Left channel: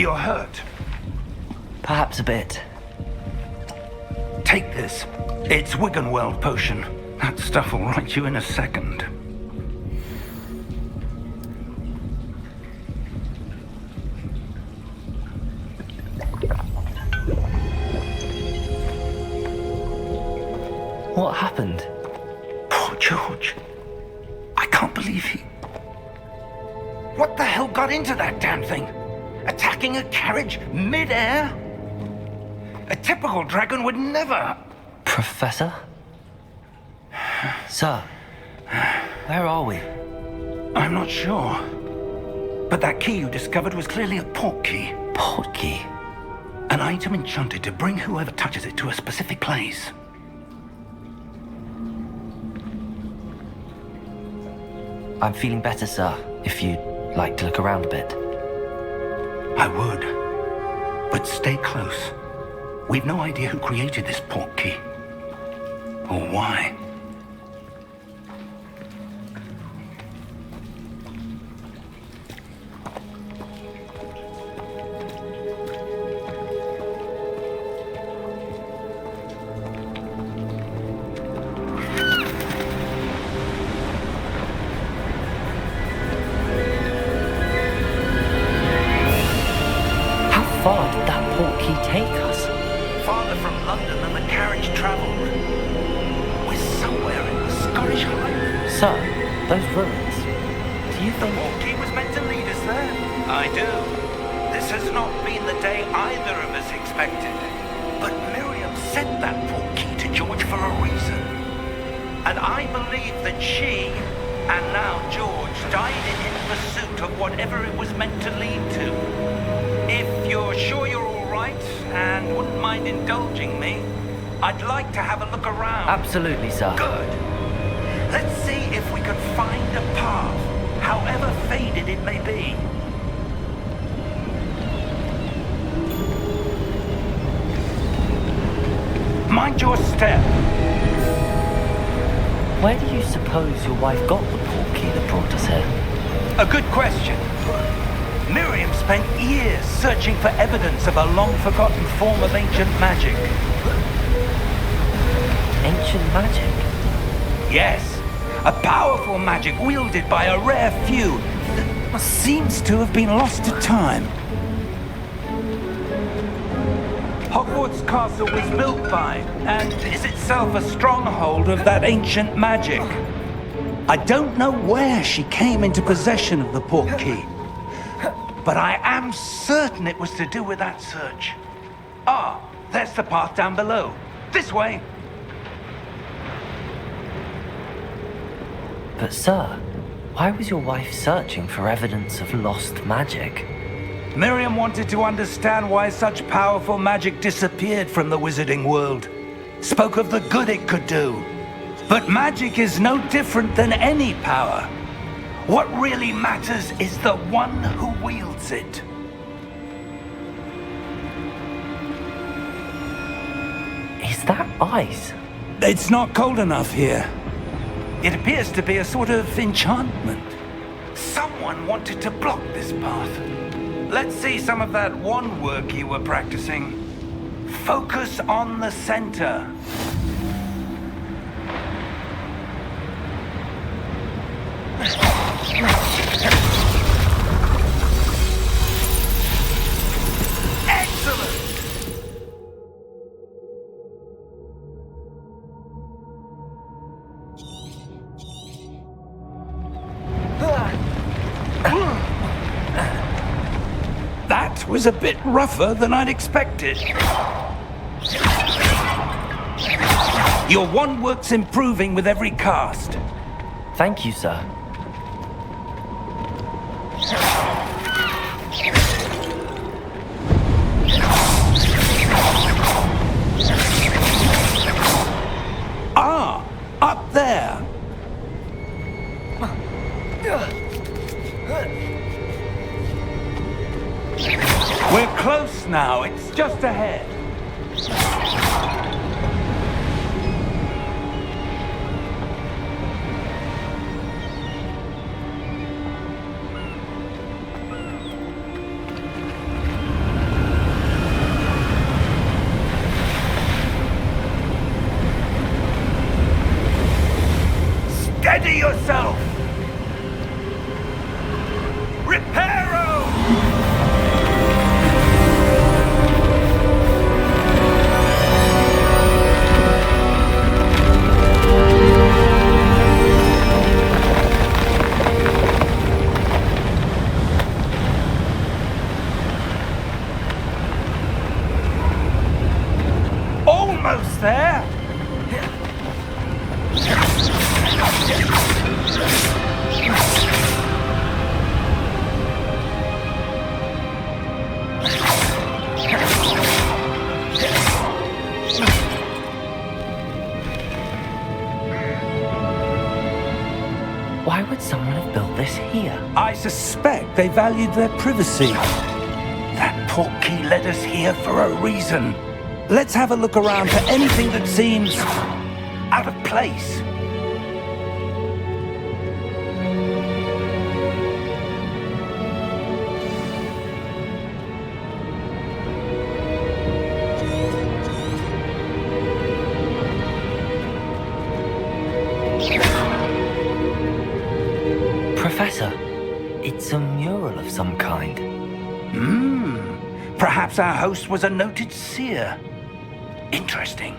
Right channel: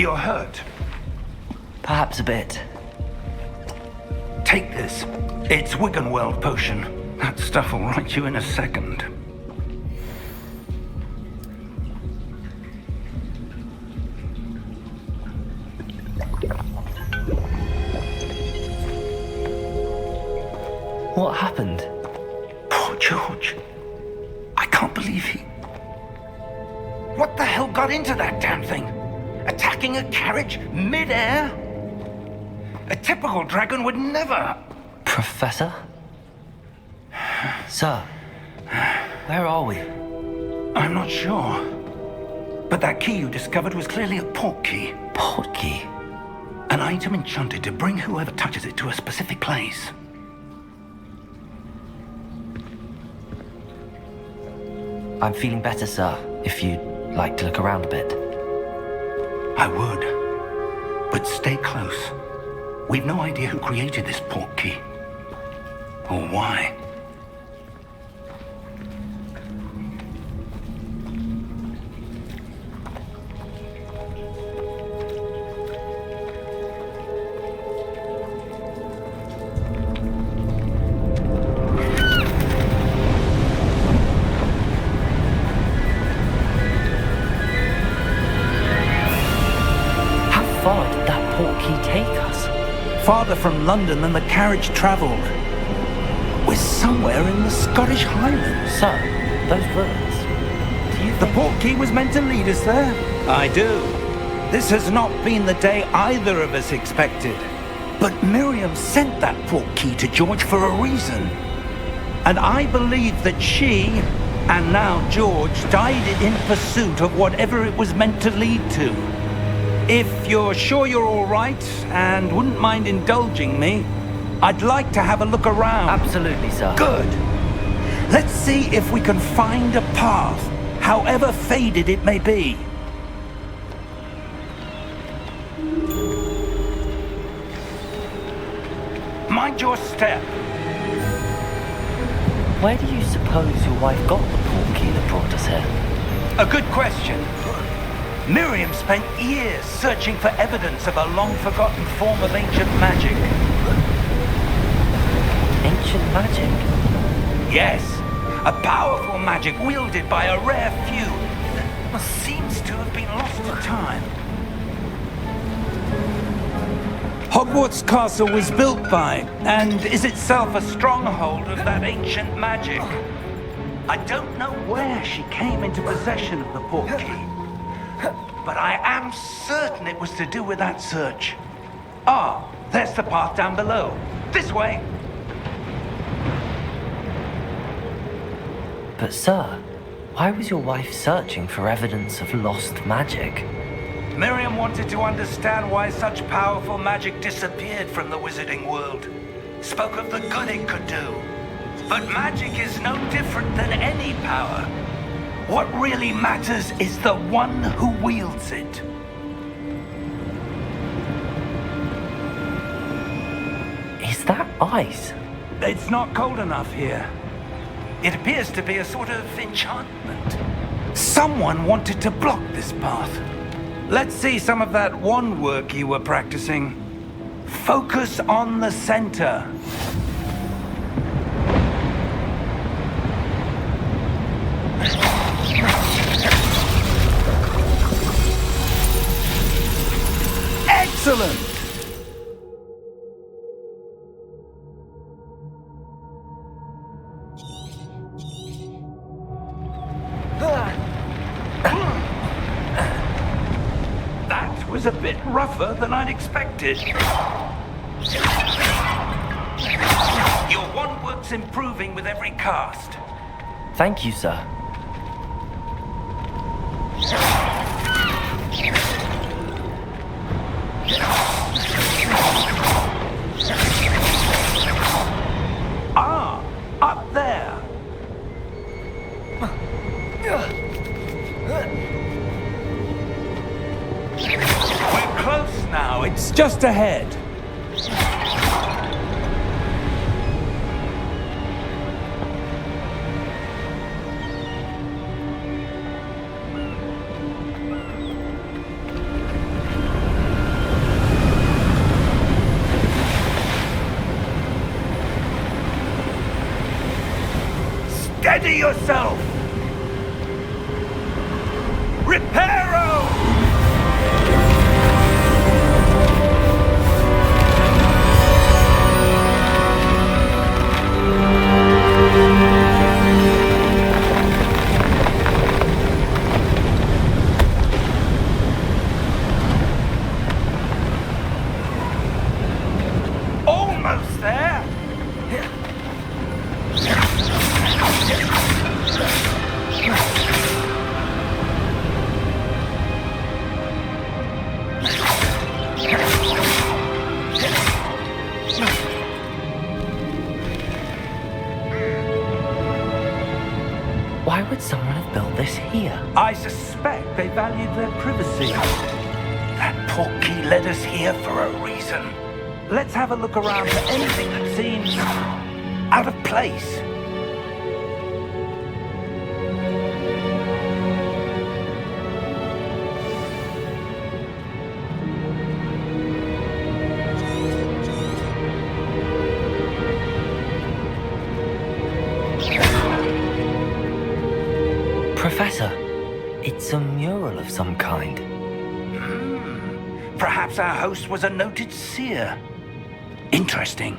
You're hurt. Perhaps a bit. Take this. It's Wiggenweld potion. That stuff will right you in a second. What happened? Poor George. I can't believe he... What the hell got into that damn thing? Attacking a carriage mid-air? A typical dragon would never... Professor? Sir, where are we? I'm not sure. But that key you discovered was clearly a port key. Port key? An item enchanted to bring whoever touches it to a specific place. I'm feeling better, sir, if you'd like to look around a bit. I would. But stay close. We've no idea who created this port key. Or why. How far did that port key take us? Farther from London than the carriage travelled. We're somewhere in the Scottish Highlands. Sir, those ruins. Do you The think... port key was meant to lead us there? I do. This has not been the day either of us expected. But Miriam sent that port key to George for a reason. And I believe that she, and now George, died in pursuit of whatever it was meant to lead to. If you're sure you're all right and wouldn't mind indulging me, I'd like to have a look around. Absolutely, sir. Good. Let's see if we can find a path, however faded it may be. Mind your step. Where do you suppose your wife got the port key that brought us here? A good question. Miriam spent years searching for evidence of a long-forgotten form of ancient magic. Ancient magic? Yes, a powerful magic wielded by a rare few that seems to have been lost to time. Hogwarts Castle was built by, and is itself a stronghold of that ancient magic. I don't know where she came into possession of the port key, but I am certain it was to do with that search. Ah, there's the path down below. This way. But sir, why was your wife searching for evidence of lost magic? Miriam wanted to understand why such powerful magic disappeared from the wizarding world. Spoke of the good it could do. But magic is no different than any power. What really matters is the one who wields it. Is that ice? It's not cold enough here. It appears to be a sort of enchantment. Someone wanted to block this path. Let's see some of that wand work you were practicing. Focus on the center. Excellent! That was a bit rougher than I'd expected. Your wand work's improving with every cast. Thank you, sir. Ah, up there. We're close now. It's just ahead. Steady yourself! Reparo! Almost there! Why would someone have built this here? I suspect they valued their privacy. That portkey led us here for a reason. Let's have a look around for anything that seems out of place. Professor, it's a mural of some kind. Perhaps our host was a noted seer. Interesting.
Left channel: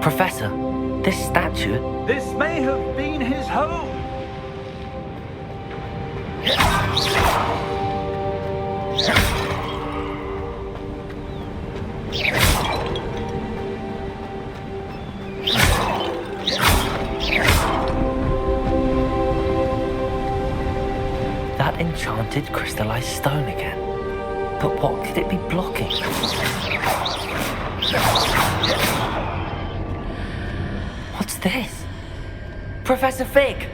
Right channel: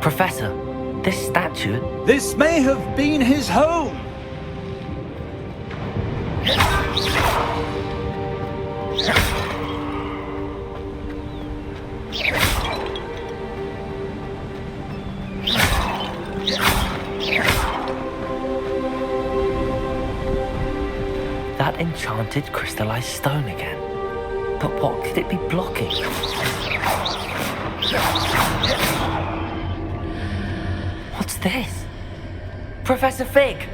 Professor, this statue... This may have been his home. That enchanted crystallized stone again. But what could it be blocking? What's this? Professor Fig!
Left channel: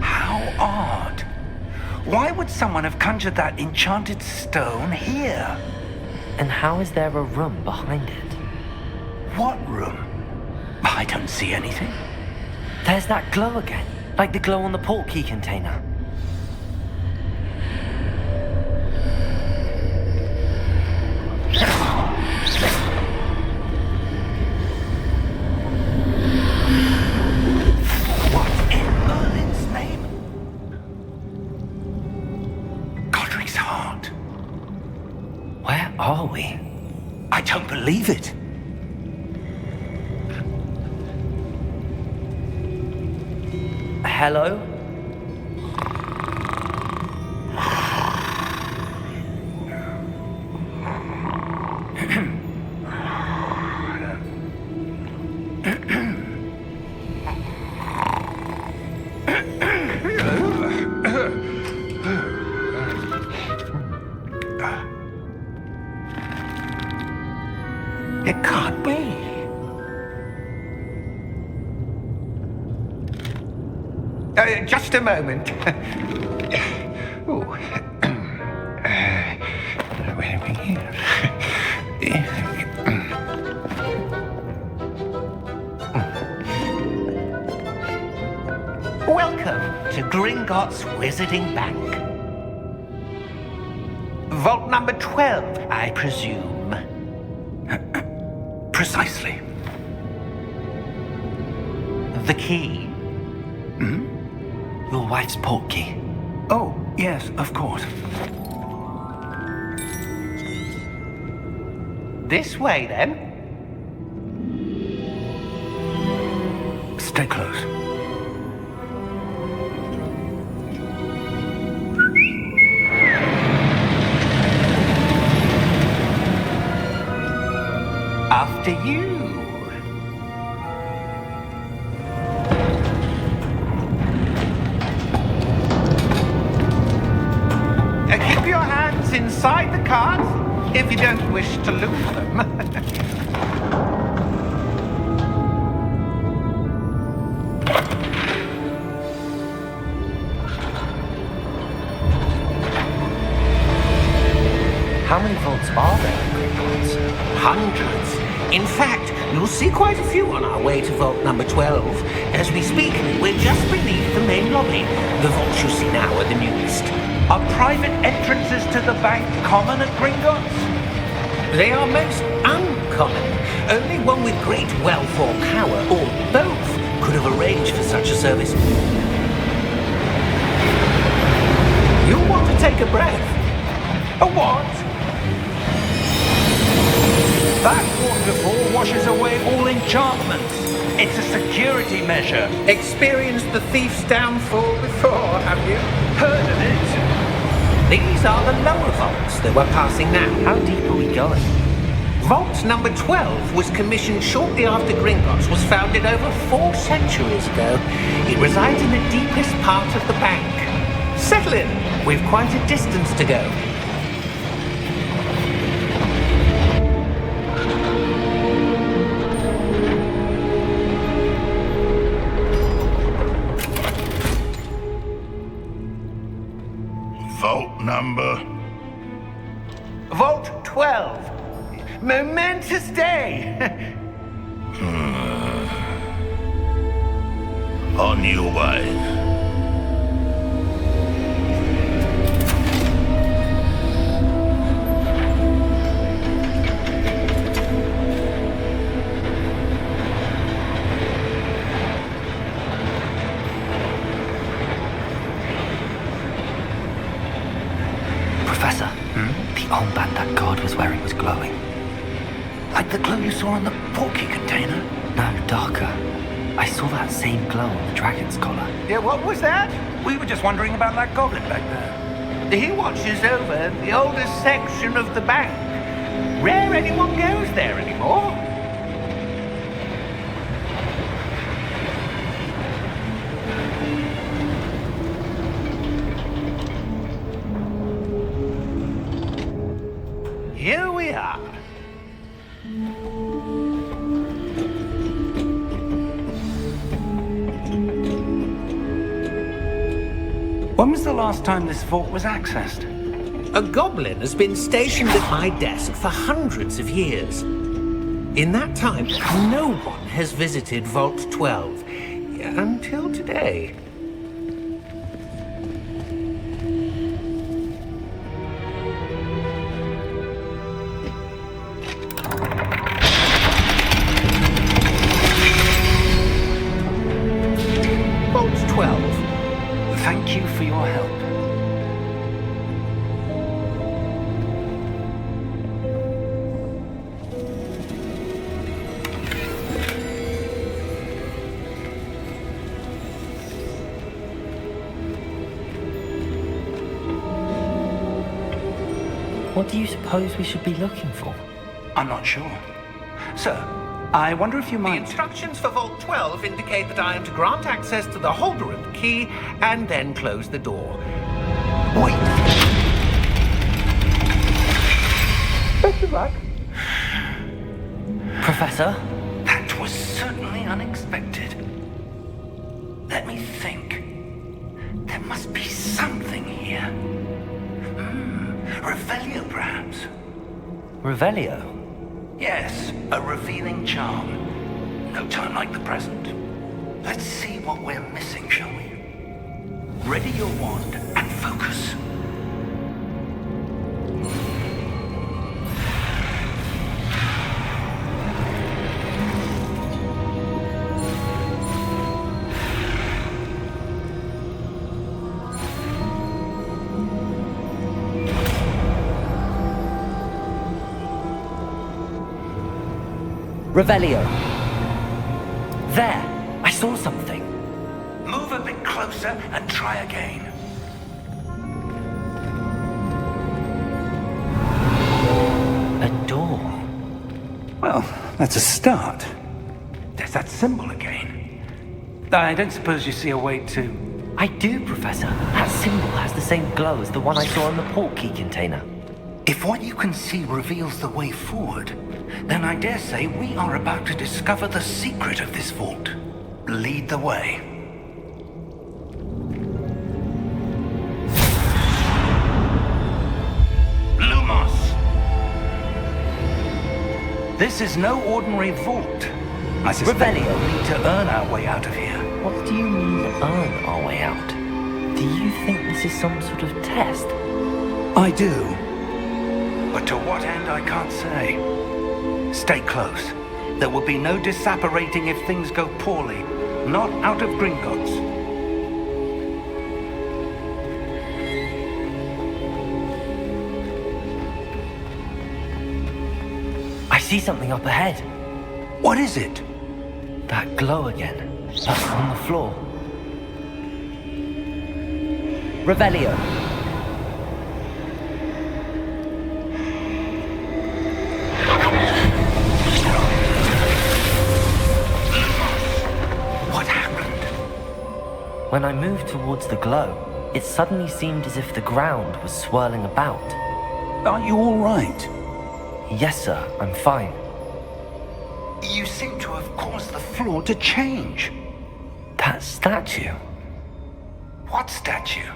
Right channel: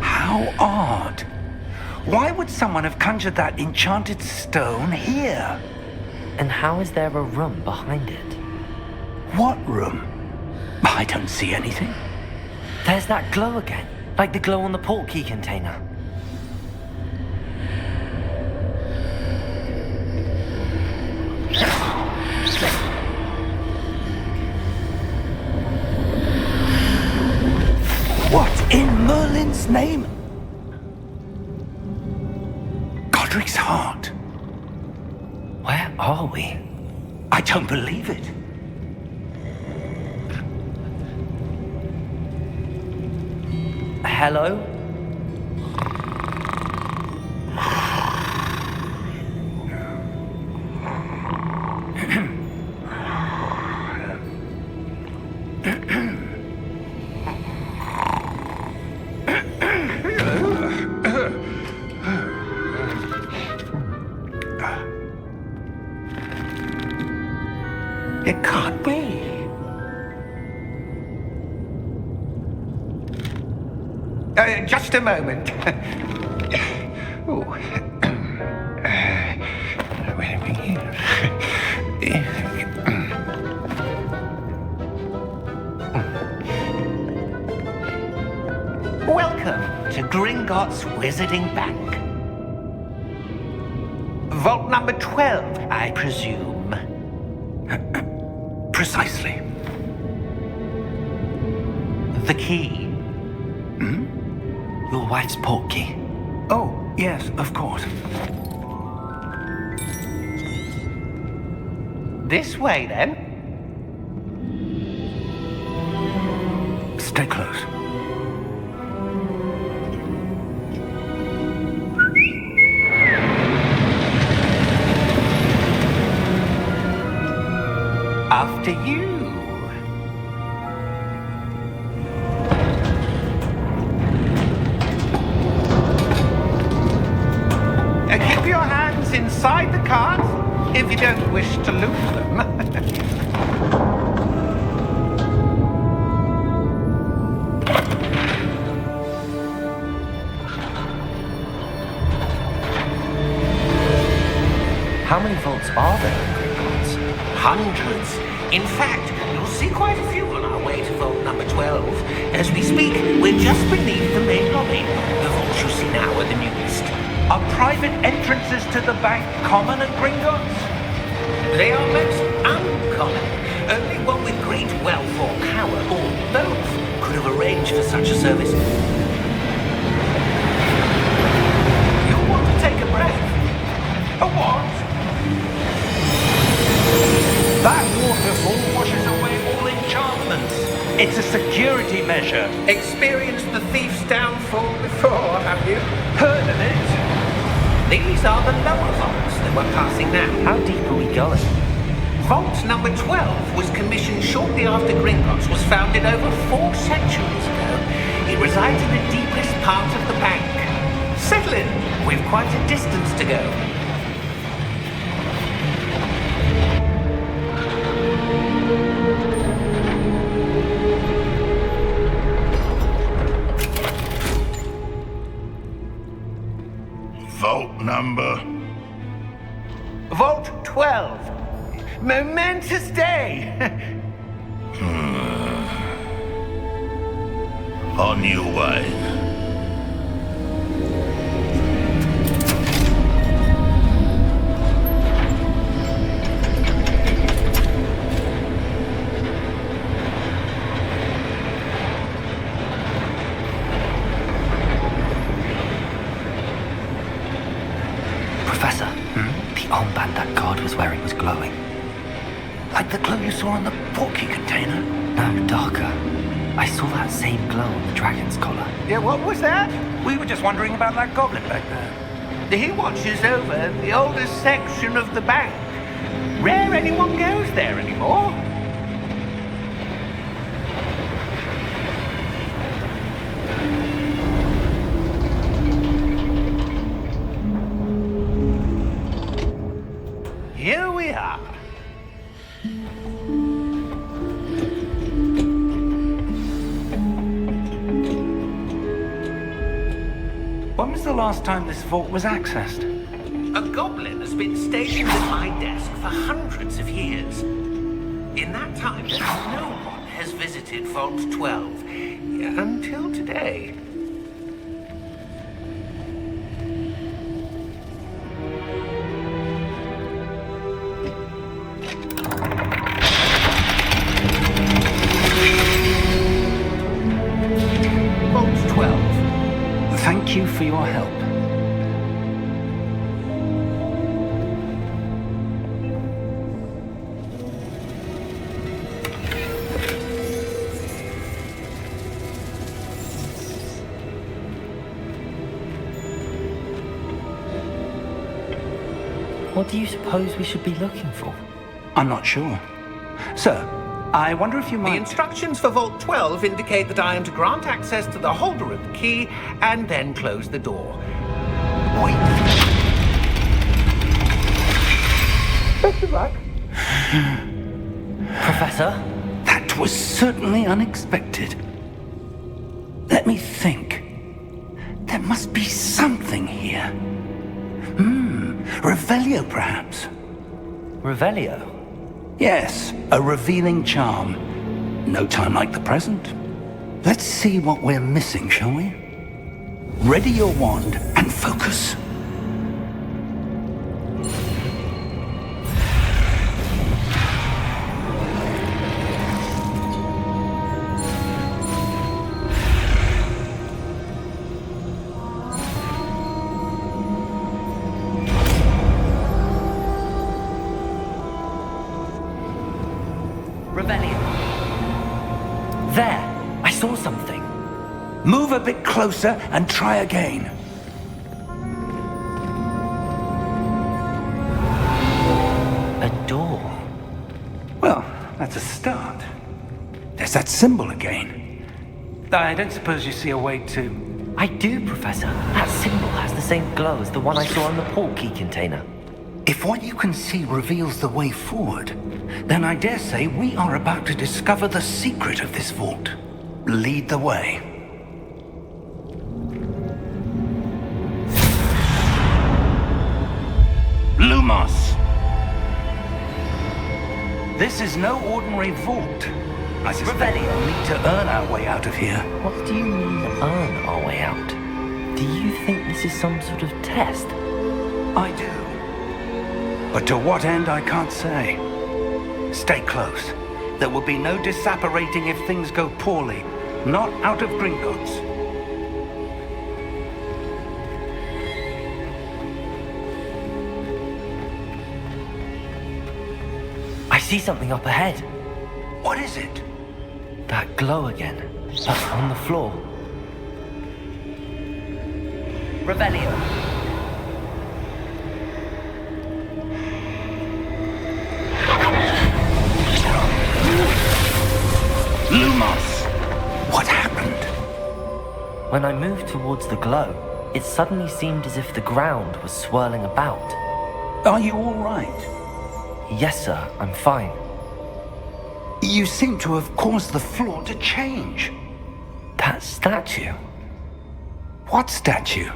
How odd. Why would someone have conjured that enchanted stone here? And how is there a room behind it? What room? I don't see anything. There's that glow again, like the glow on the portkey container. What in Merlin's name? Godric's heart. Where are we? I don't believe it. Hello? It can't be. Just a moment. Oh. Where are we here? Welcome to Gringotts Wizarding Bank. Vault number 12, I presume. Precisely. The key? Your wife's portkey. Oh, yes, of course. This way, then. Stay close. After you. Keep your hands inside the cart. if you don't wish to lose them. How many vaults are there in Gringotts? Hundreds. In fact, you'll see quite a few on our way to vault number 12. As we speak, we're just beneath the main lobby. The vaults you see now are the newest. Are private entrances to the bank common at Gringotts? They are most uncommon. Only one with great wealth or power, or both, could have arranged for such a service. You'll want to take a breath. A what? That waterfall washes away all enchantments. It's a security measure. Experienced the thief's downfall before, have you? Heard of it? These are the lower vaults that we're passing now. How deep are we going? Vault number 12 was commissioned shortly after Gringotts was founded over 4 centuries ago. It resides in the deepest part of the bank. Settle in. We've quite a distance to go. Vault number? Vault 12. Momentous day. On your way. Professor, the armband that guard was wearing was glowing. Like the glow you saw on the portkey container? No, darker. I saw that same glow on the dragon's collar. Yeah, what was that? We were just wondering about that goblin back there. He watches over the oldest section of the bank. Rare anyone goes there anymore. Here we are. When was the last time this vault was accessed? A goblin has been stationed at my desk for hundreds of years. In that time, no one has visited Vault 12 until today. Vault 12. Thank you for your help. What do you suppose we should be looking for? I'm not sure. Sir, I wonder if you The might... instructions for Vault 12 indicate that I am to grant access to the holder of the key and then close the door. Wait! Best of luck. Professor? That was certainly unexpected. Let me think. There must be something here. Revelio, perhaps? Revelio? Yes, a revealing charm. No time like the present. Let's see what we're missing, shall we? Ready your wand and focus. Revelio. There! I saw something. Move a bit closer and try again. A door. Well, that's a start. There's that symbol again. I don't suppose you see a way to... I do, Professor. That symbol has the same glow as the one I saw on the portkey container. If what you can see reveals the way forward, then I dare say we are about to discover the secret of this vault. Lead the way. Lumos! This is no ordinary vault. I suspect we'll need to earn our way out of here. What do you mean, earn our way out? Do you think this is some sort of test? I do. But to what end, I can't say. Stay close. There will be no disapparating if things go poorly. Not out of Gringotts. I see something up ahead. What is it? That glow again, but on the floor. Revelio. Lumos! What happened? When I moved towards the glow, it suddenly seemed as if the ground was swirling about. Are you all right? Yes, sir, I'm fine. You seem to have caused the floor to change. That statue? What statue?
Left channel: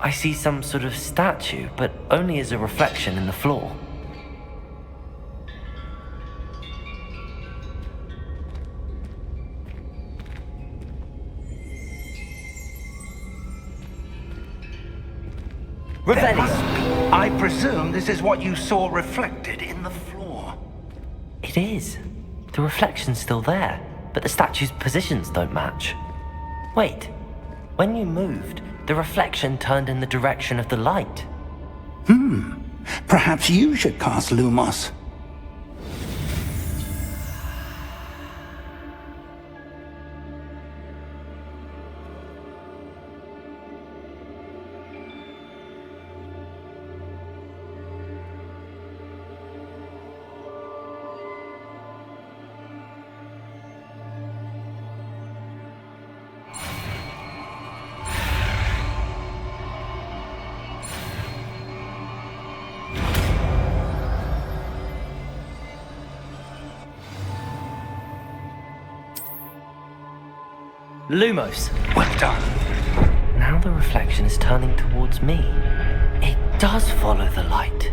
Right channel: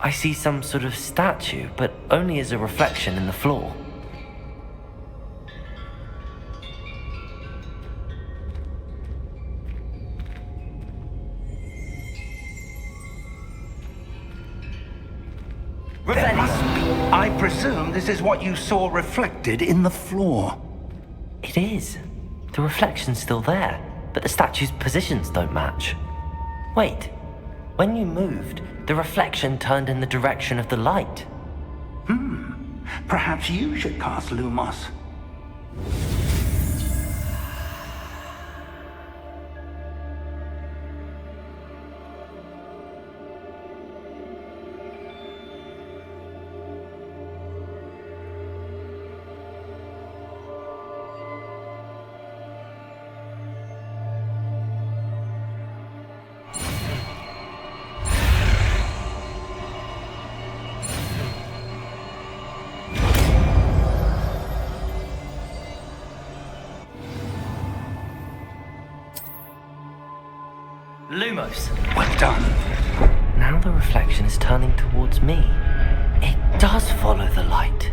I see some sort of statue, but only as a reflection in the floor. There must be. I presume this is what you saw reflected in the floor. It is. The reflection's still there, but the statue's positions don't match. Wait, when you moved, the reflection turned in the direction of the light. Perhaps you should cast Lumos. Lumos. Well done. Now the reflection is turning towards me. It does follow the light.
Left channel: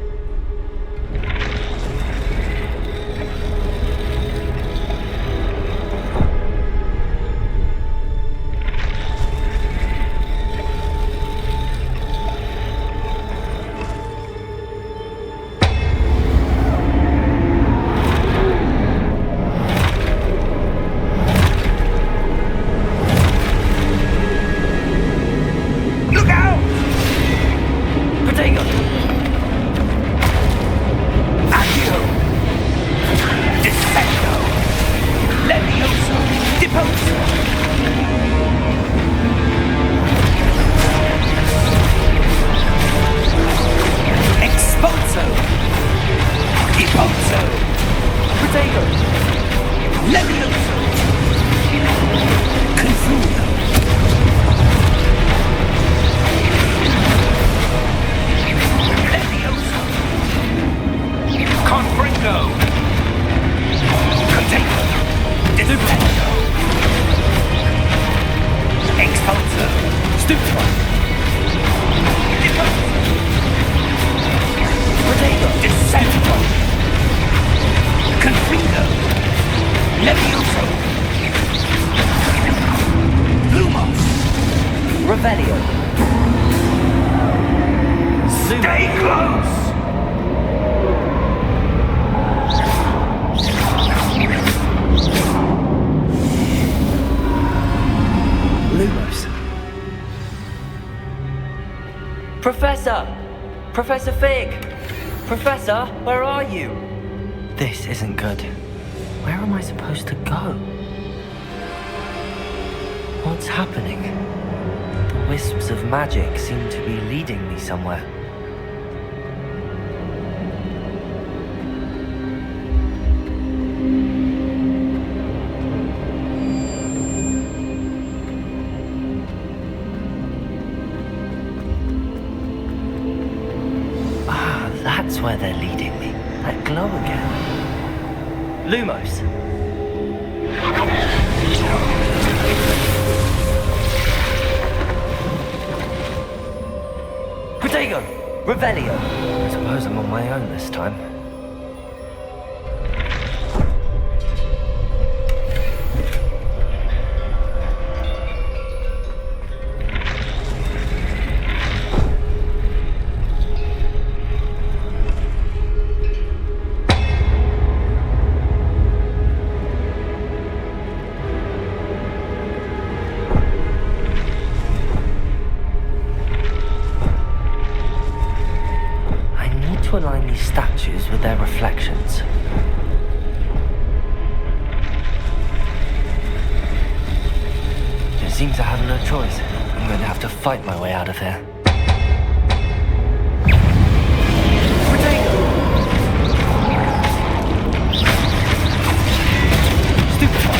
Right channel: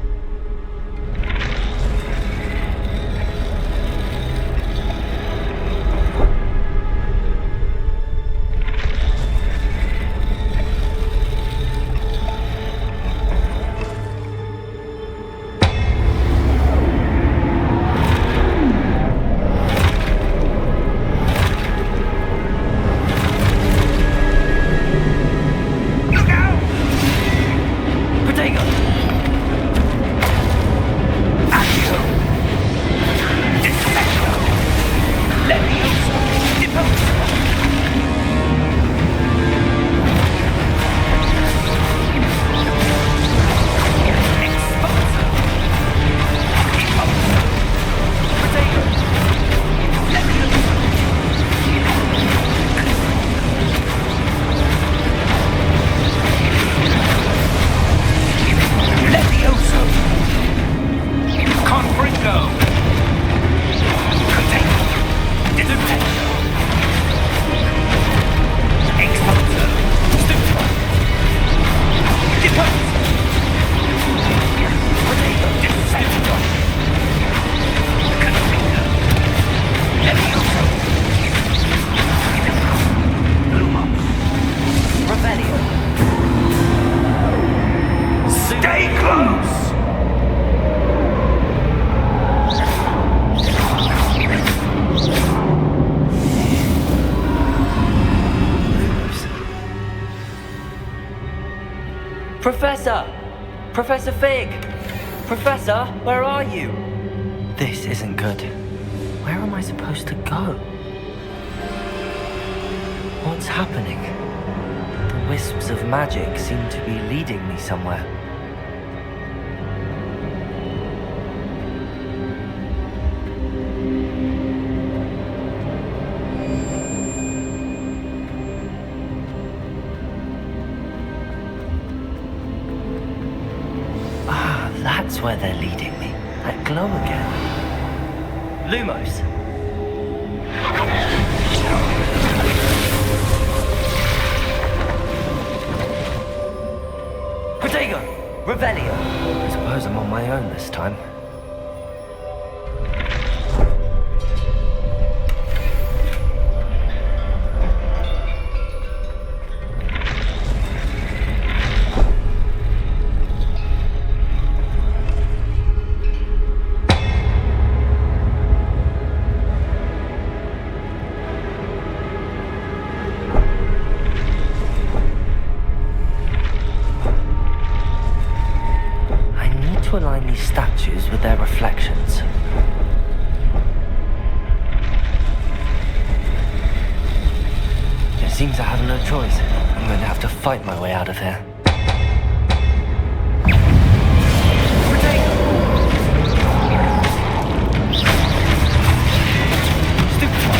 Stay close! Lumos. Professor! Professor Fig! Professor, where are you? This isn't good. Where am I supposed to go? What's happening? The wisps of magic seem to be leading me somewhere. swear they're leading me. That glow again. Lumos. Protego! Revelio! I suppose I'm on my own this time. Align these statues with their reflections. It seems I have no choice. I'm going to have to fight my way out of here. Stupefy!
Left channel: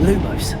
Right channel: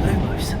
Lumos.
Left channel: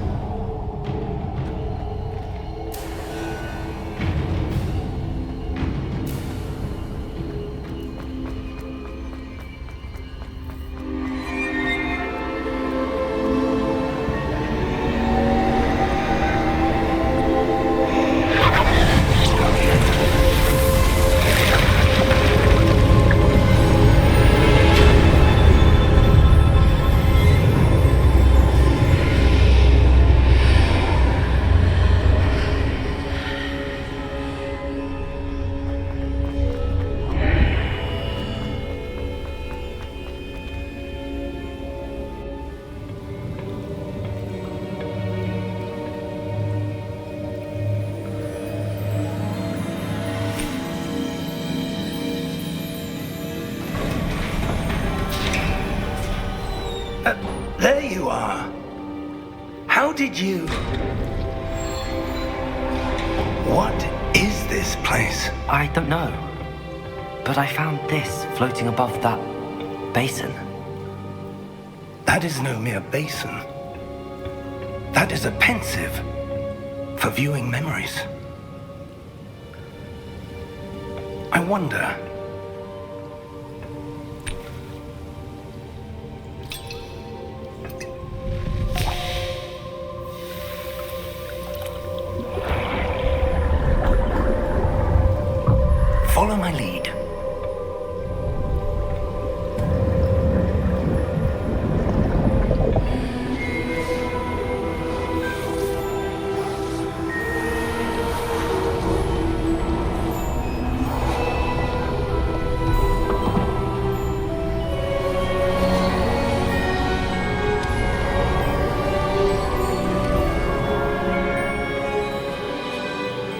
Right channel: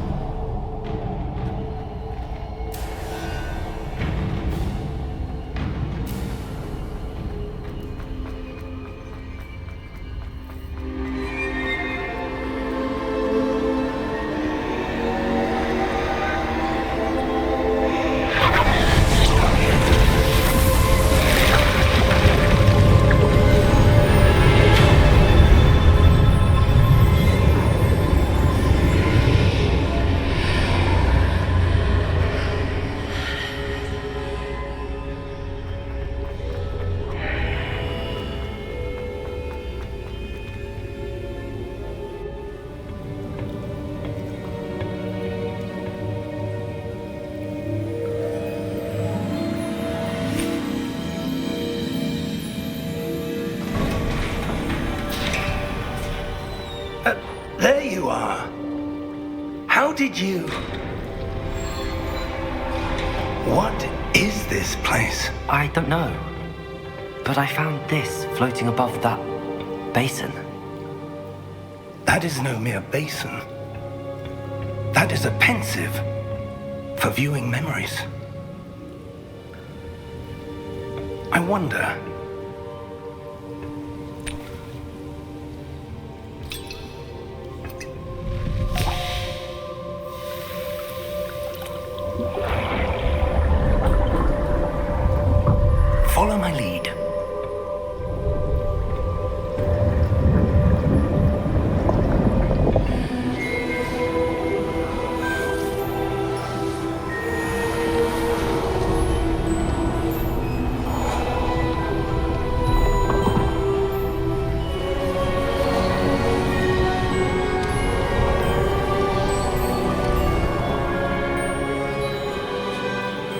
There you are. How did you... What is this place? I don't know. But I found this floating above that basin. That is no mere basin. That is a pensive for viewing memories. I wonder... Follow my lead.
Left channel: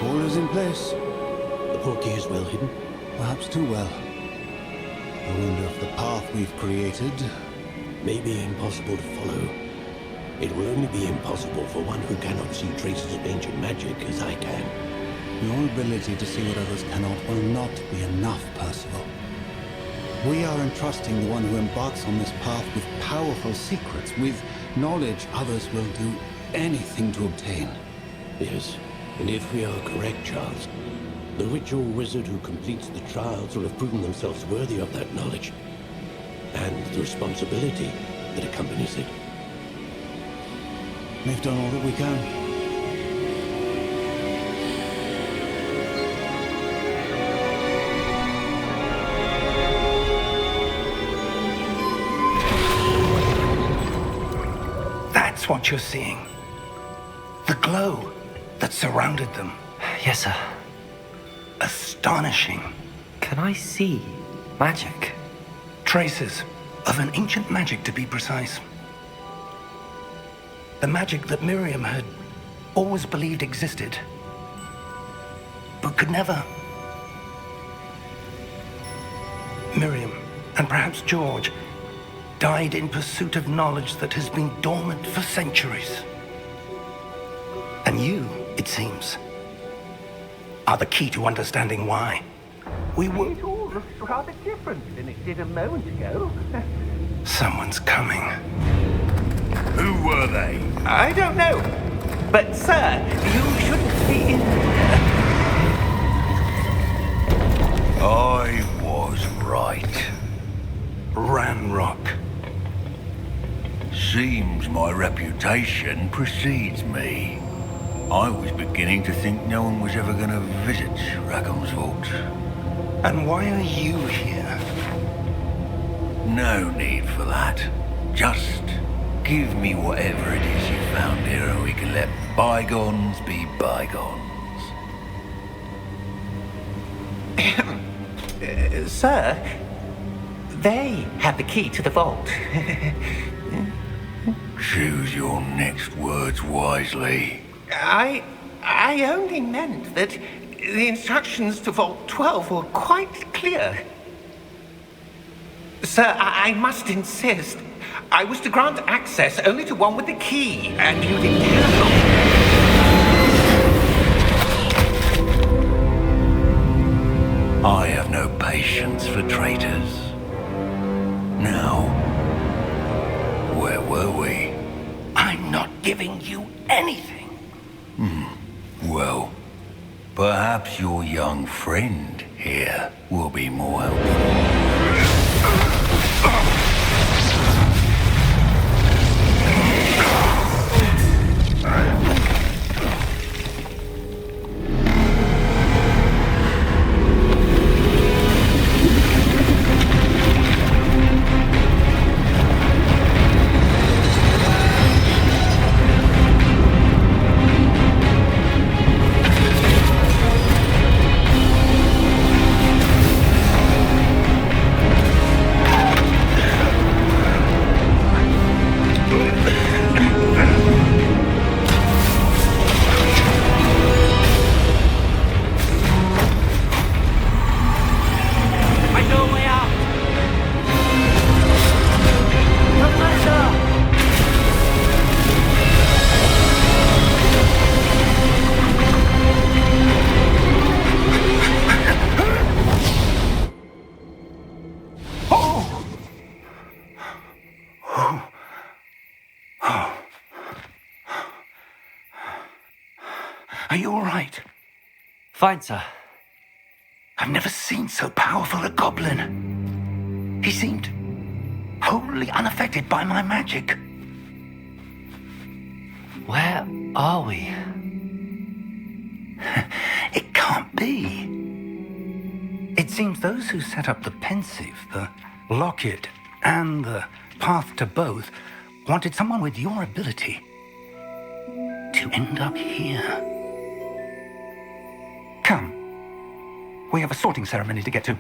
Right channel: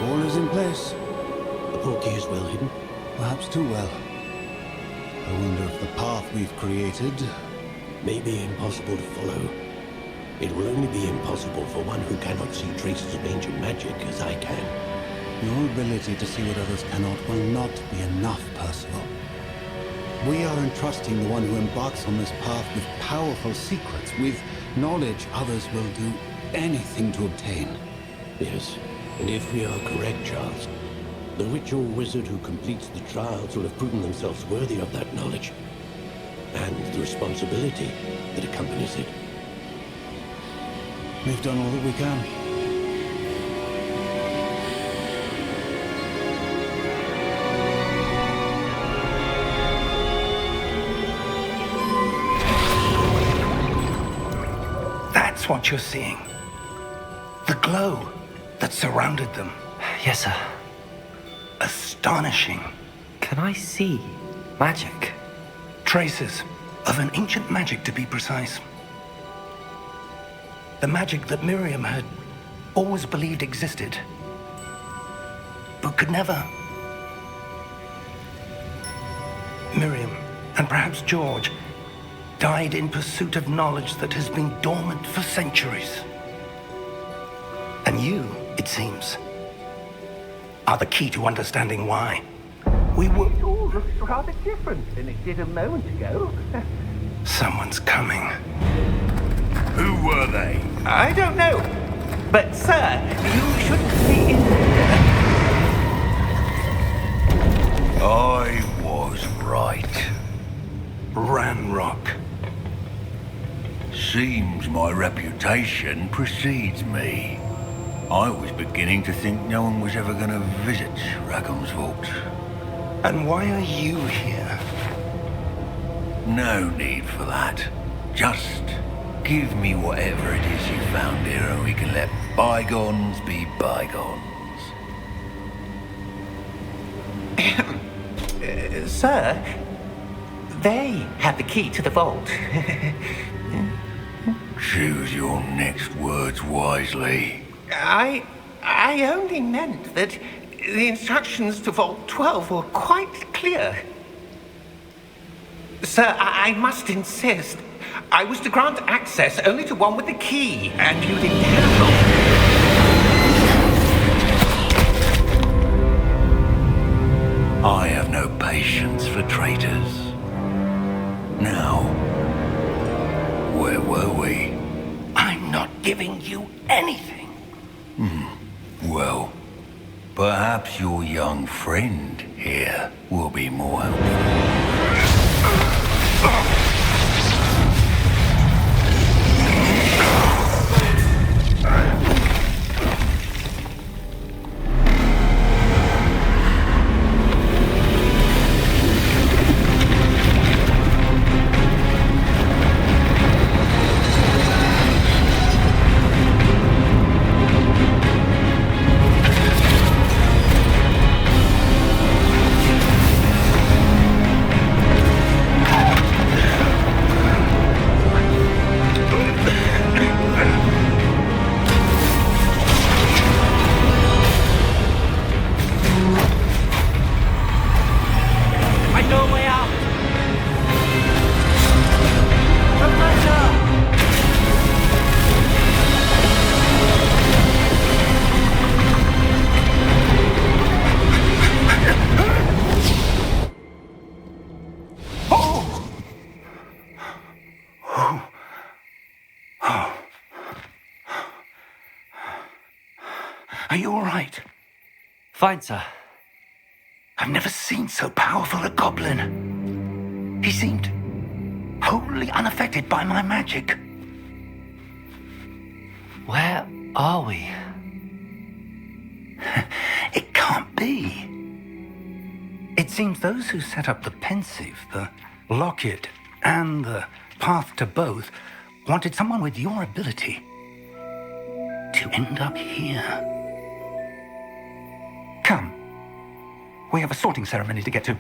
All is in place. The portkey is well hidden. Perhaps too well. I wonder if the path we've created... May be impossible to follow. It will only be impossible for one who cannot see traces of ancient magic as I can. Your ability to see what others cannot will not be enough, Percival. We are entrusting the one who embarks on this path with powerful secrets, with knowledge others will do anything to obtain. Yes, and if we are correct, Charles, the ritual wizard who completes the trials will have proven themselves worthy of that knowledge, and the responsibility that accompanies it. We've done all that we can. what you're seeing? The glow that surrounded them. Yes, sir. Astonishing. Can I see magic? Traces of an ancient magic, to be precise. The magic that Miriam had always believed existed, but could never. Miriam, and perhaps George, died in pursuit of knowledge that has been dormant for centuries. And you, it seems, are the key to understanding why. It all looks rather different than it did a moment ago. Someone's coming. Who were they? I don't know. But, sir, you shouldn't be in here. I was right. Ranrock. Seems my reputation precedes me. I was beginning to think no one was ever going to visit Rackham's vault. And why are you here? No need for that. Just give me whatever it is you found here and we can let bygones be bygones. Sir, they have the key to the vault. Choose your next words wisely. I only meant that the instructions to Vault 12 were quite clear. Sir, I must insist. I was to grant access only to one with the key, and you didn't have one. I have no patience for traitors. Now, where were we? I'm not giving you anything. Well, perhaps your young friend here will be more helpful. Are you all right? Fine, sir. I've never seen so powerful a goblin. He seemed wholly unaffected by my magic. Where are we? It can't be. It seems those who set up the pensive, the locket, and the path to both wanted someone with your ability to end up here. Come. We have a sorting ceremony to get to.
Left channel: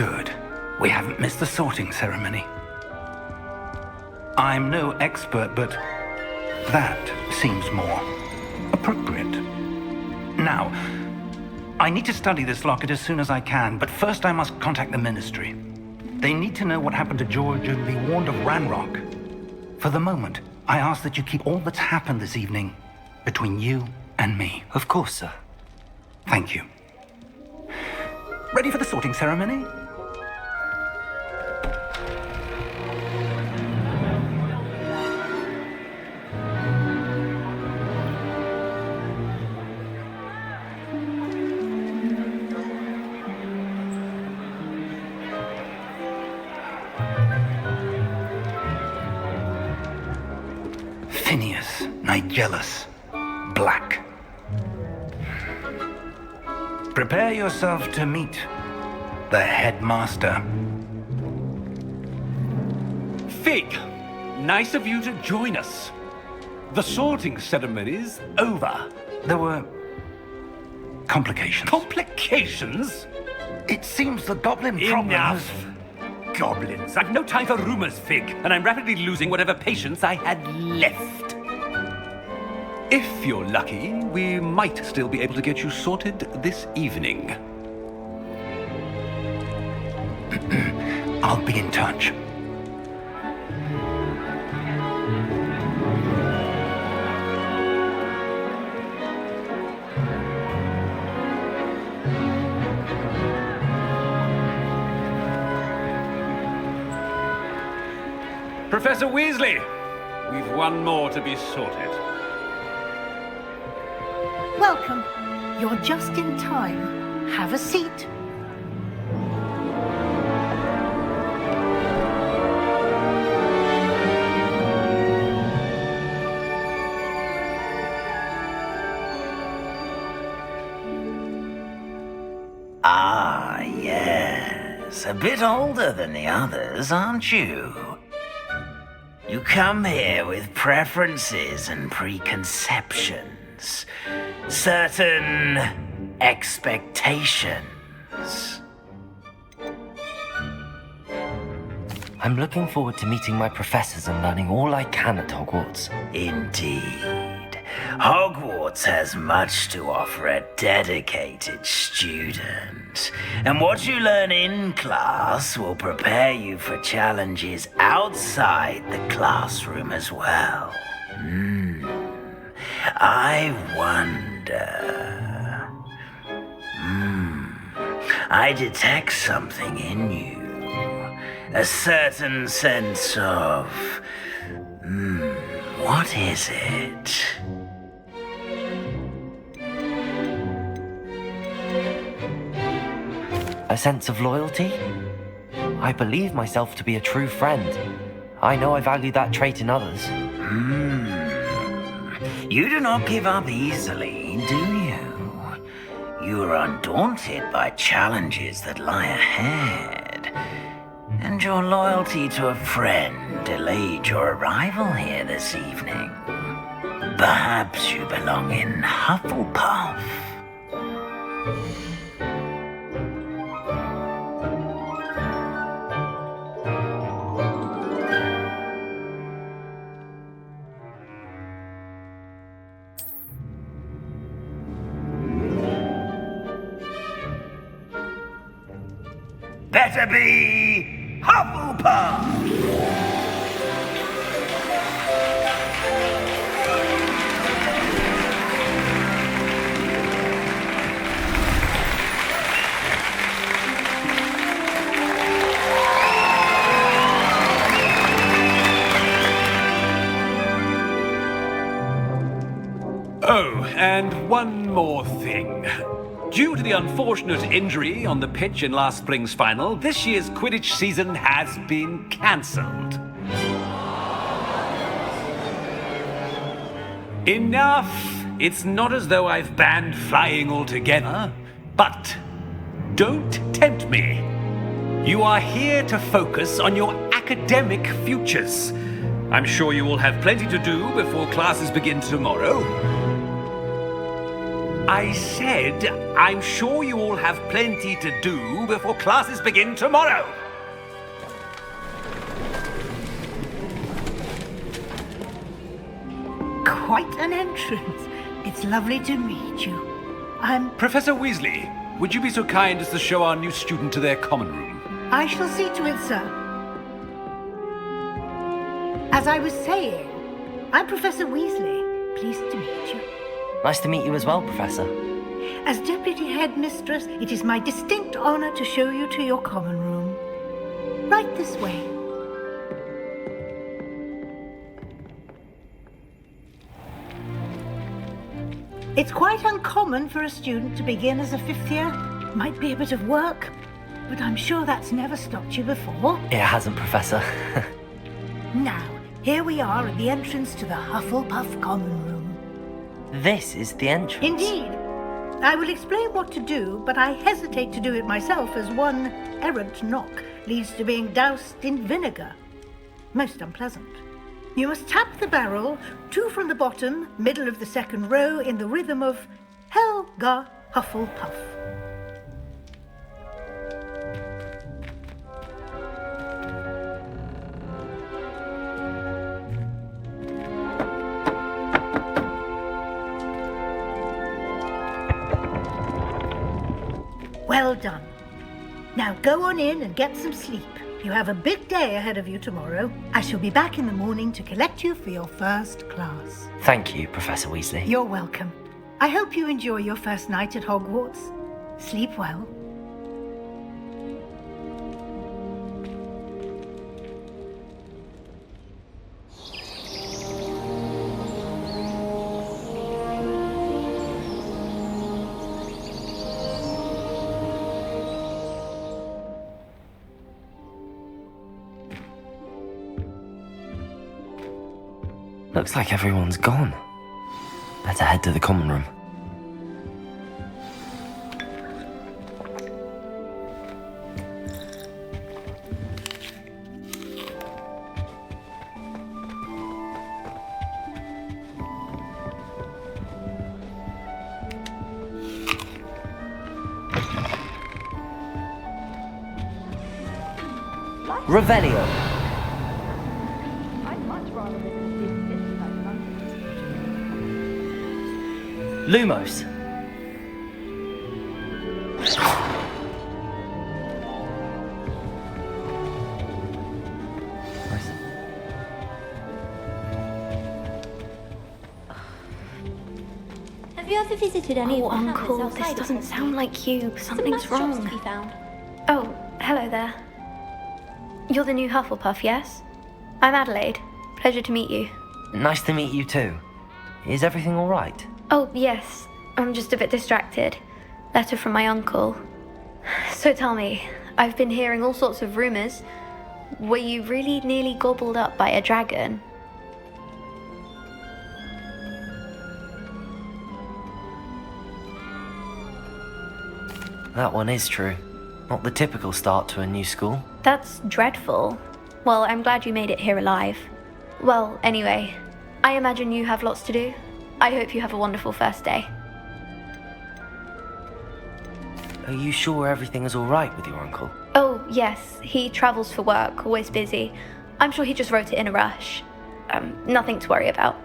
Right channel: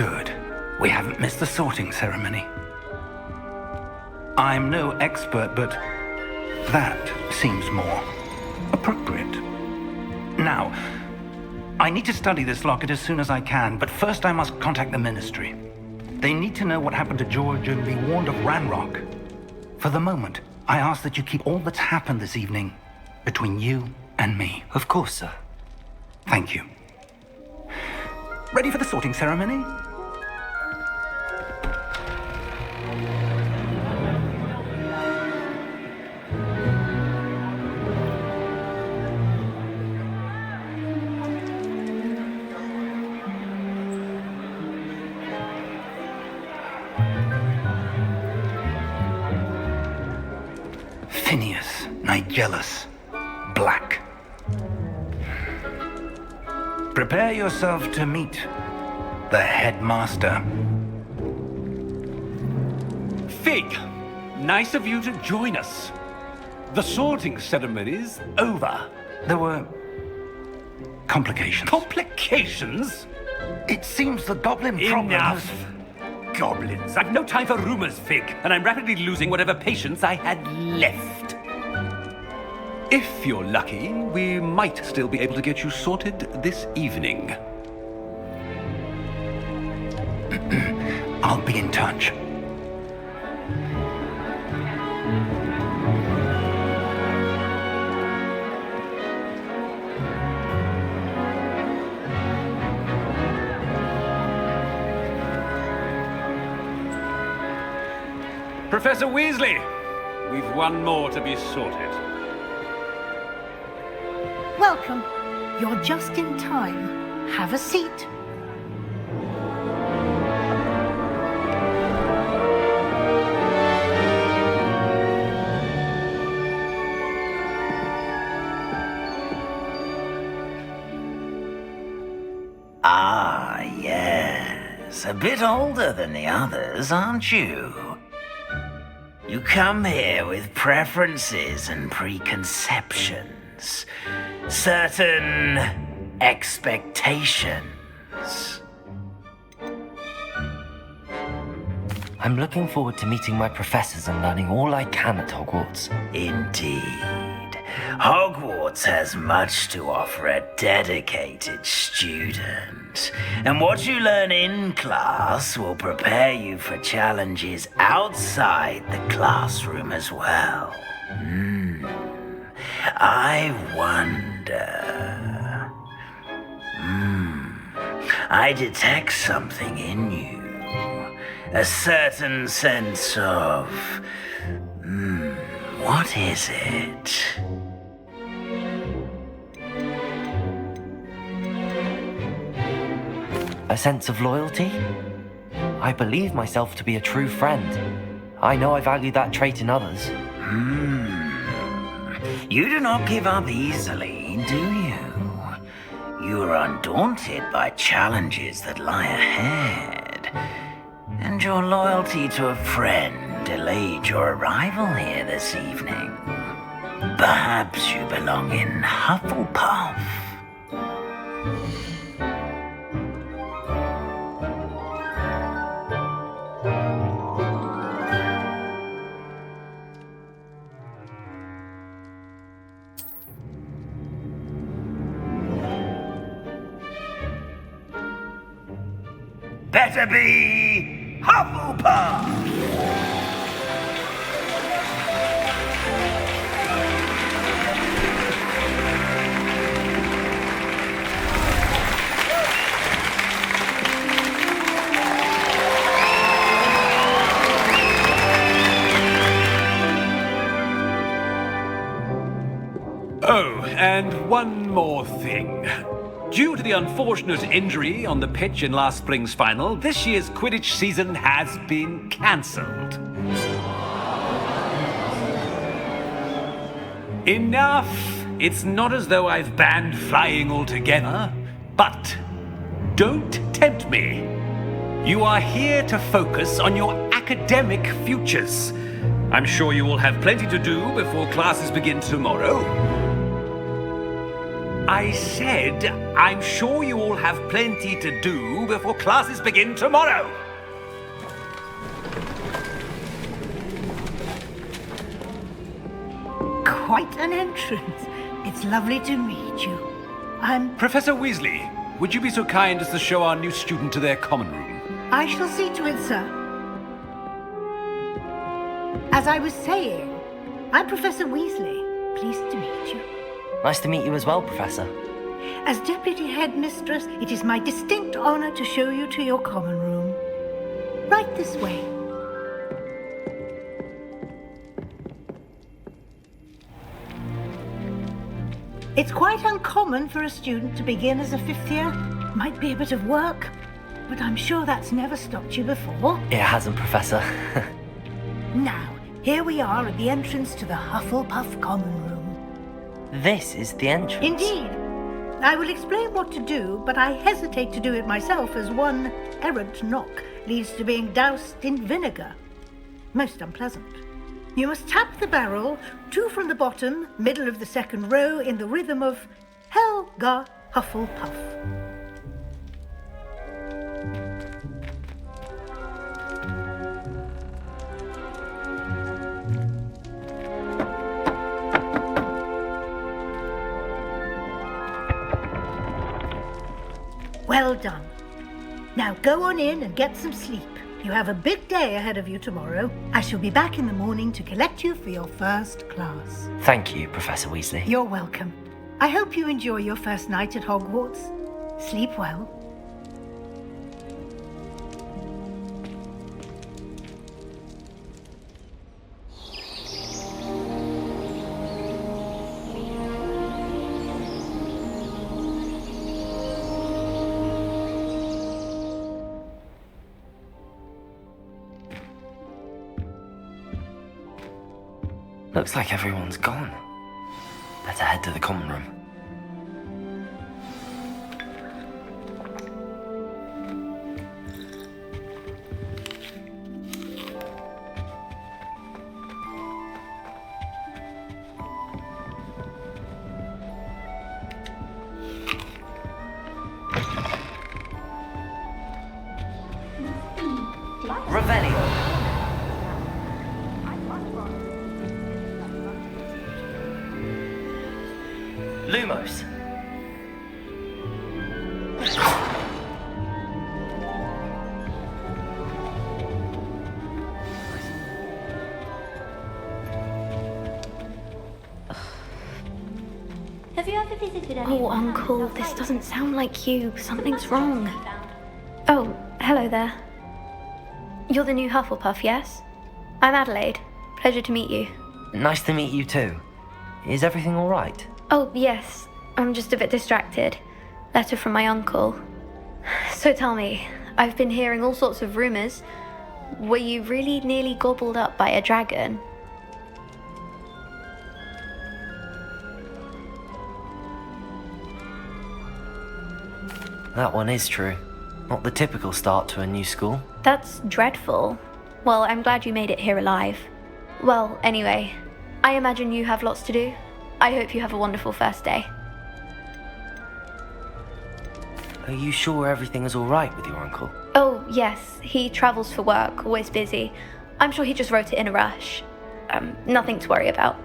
Good. We haven't missed the sorting ceremony. I'm no expert, but that seems more appropriate. Now, I need to study this locket as soon as I can, but first I must contact the Ministry. They need to know what happened to George and be warned of Ranrock. For the moment, I ask that you keep all that's happened this evening between you and me. Of course, sir. Thank you. Ready for the sorting ceremony? Phineas, Nigellus, Black. Prepare yourself to meet the headmaster. Fig, nice of you to join us. The sorting ceremony's over. There were complications. Complications? It seems the goblin problem has... Enough! Goblins. I've no time for rumors, Fig, and I'm rapidly losing whatever patience I had left. If you're lucky, we might still be able to get you sorted this evening. I'll be in touch. Professor Weasley, we've one more to be sorted. Welcome. You're just in time. Have a seat. Ah, yes. A bit older than the others, aren't you? You come here with preferences and preconceptions. Certain expectations. I'm looking forward to meeting my professors and learning all I can at Hogwarts. Indeed. Hogwarts has much to offer a dedicated student. And what you learn in class will prepare you for challenges outside the classroom as well. I wonder... I detect something in you. A certain sense of... what is it? A sense of loyalty? I believe myself to be a true friend. I know I value that trait in others. You do not give up easily, do you? You are undaunted by challenges that lie ahead. And your loyalty to a friend delayed your arrival here this evening. Perhaps you belong in Hufflepuff. Better be Hufflepuff! Oh, and one more thing. Due to the unfortunate injury on the pitch in last spring's final, this year's Quidditch season has been cancelled. Enough! It's not as though I've banned flying altogether, but don't tempt me. You are here to focus on your academic futures. I'm sure you will have plenty to do before classes begin tomorrow. I said, I'm sure you all have plenty to do before classes begin tomorrow. Quite an entrance. It's lovely to meet you. I'm... Professor Weasley, would you be so kind as to show our new student to their common room? I shall see to it, sir. As I was saying, I'm Professor Weasley. Pleased to meet you. Nice to meet you as well, Professor. As Deputy Headmistress, it is my distinct honor to show you to your common room. Right this way. It's quite uncommon for a student to begin as a fifth year. Might be a bit of work, but I'm sure that's never stopped you before. It hasn't, Professor. Now, here we are at the entrance to the Hufflepuff common room. This is the entrance. Indeed. I will explain what to do, but I hesitate to do it myself as one errant knock leads to being doused in vinegar. Most unpleasant. You must tap the barrel, 2 from the bottom, middle of the second row, in the rhythm of Helga Hufflepuff. Well done. Now go on in and get some sleep. You have a big day ahead of you tomorrow. I shall be back in the morning to collect you for your first class. Thank you, Professor Weasley. You're welcome. I hope you enjoy your first night at Hogwarts. Sleep well. Looks like everyone's gone. Better head to the common room. Revelio. Lumos. Have you ever visited any... Oh, Uncle, this doesn't sound like you. Something's wrong. Oh, hello there. You're the new Hufflepuff, yes? I'm Adelaide. Pleasure to meet you. Nice to meet you too. Is everything all right? Oh, yes. I'm just a bit distracted. Letter from my uncle. So tell me, I've been hearing all sorts of rumours. Were you really nearly gobbled up by a dragon? That one is true. Not the typical start to a new school. That's dreadful. Well, I'm glad you made it here alive. Well, anyway, I imagine you have lots to do. I hope you have a wonderful first day. Are you sure everything is all right with your uncle? Oh, yes. He travels for work, always busy. I'm sure he just wrote it in a rush. Nothing to worry about.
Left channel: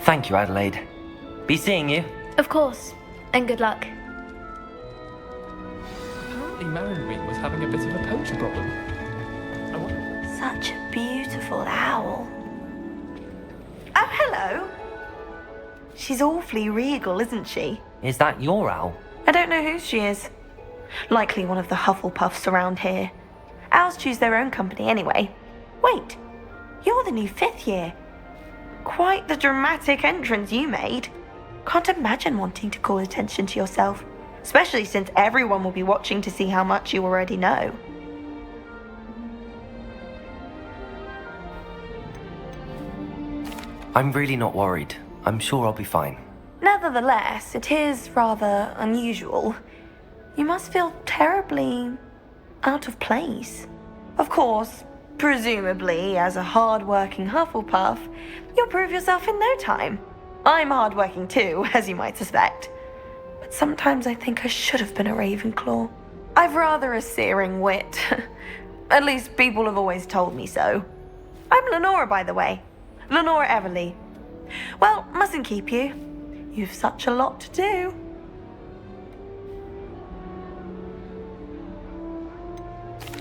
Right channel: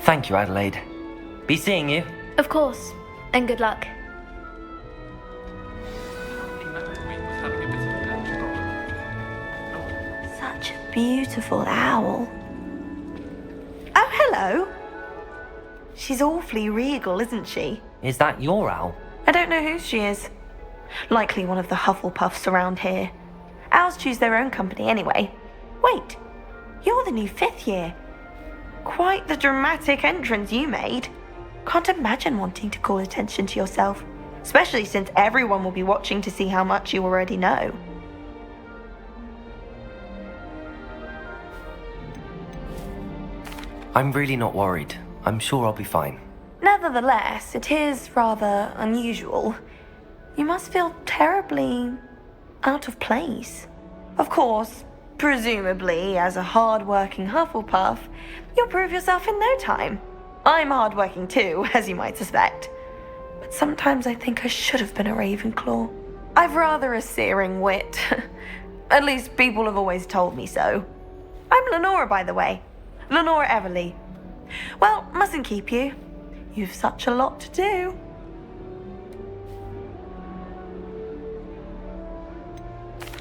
Thank you, Adelaide. Be seeing you. Of course. And good luck. Apparently Marion was having a bit of a poacher problem. Such a beautiful owl. Oh, hello. She's awfully regal, isn't she? Is that your owl? I don't know who she is. Likely one of the Hufflepuffs around here. Owls choose their own company anyway. Wait, you're the new 5th year. Quite the dramatic entrance you made. Can't imagine wanting to call attention to yourself, especially since everyone will be watching to see how much you already know. I'm really not worried. I'm sure I'll be fine. Nevertheless, it is rather unusual. You must feel terribly out of place. Of course, presumably, as a hard-working Hufflepuff, you'll prove yourself in no time. I'm hardworking too, as you might suspect. But sometimes I think I should have been a Ravenclaw. I've rather a searing wit. At least people have always told me so. I'm Lenora, by the way. Lenora Everly. Well, mustn't keep you. You've such a lot to do.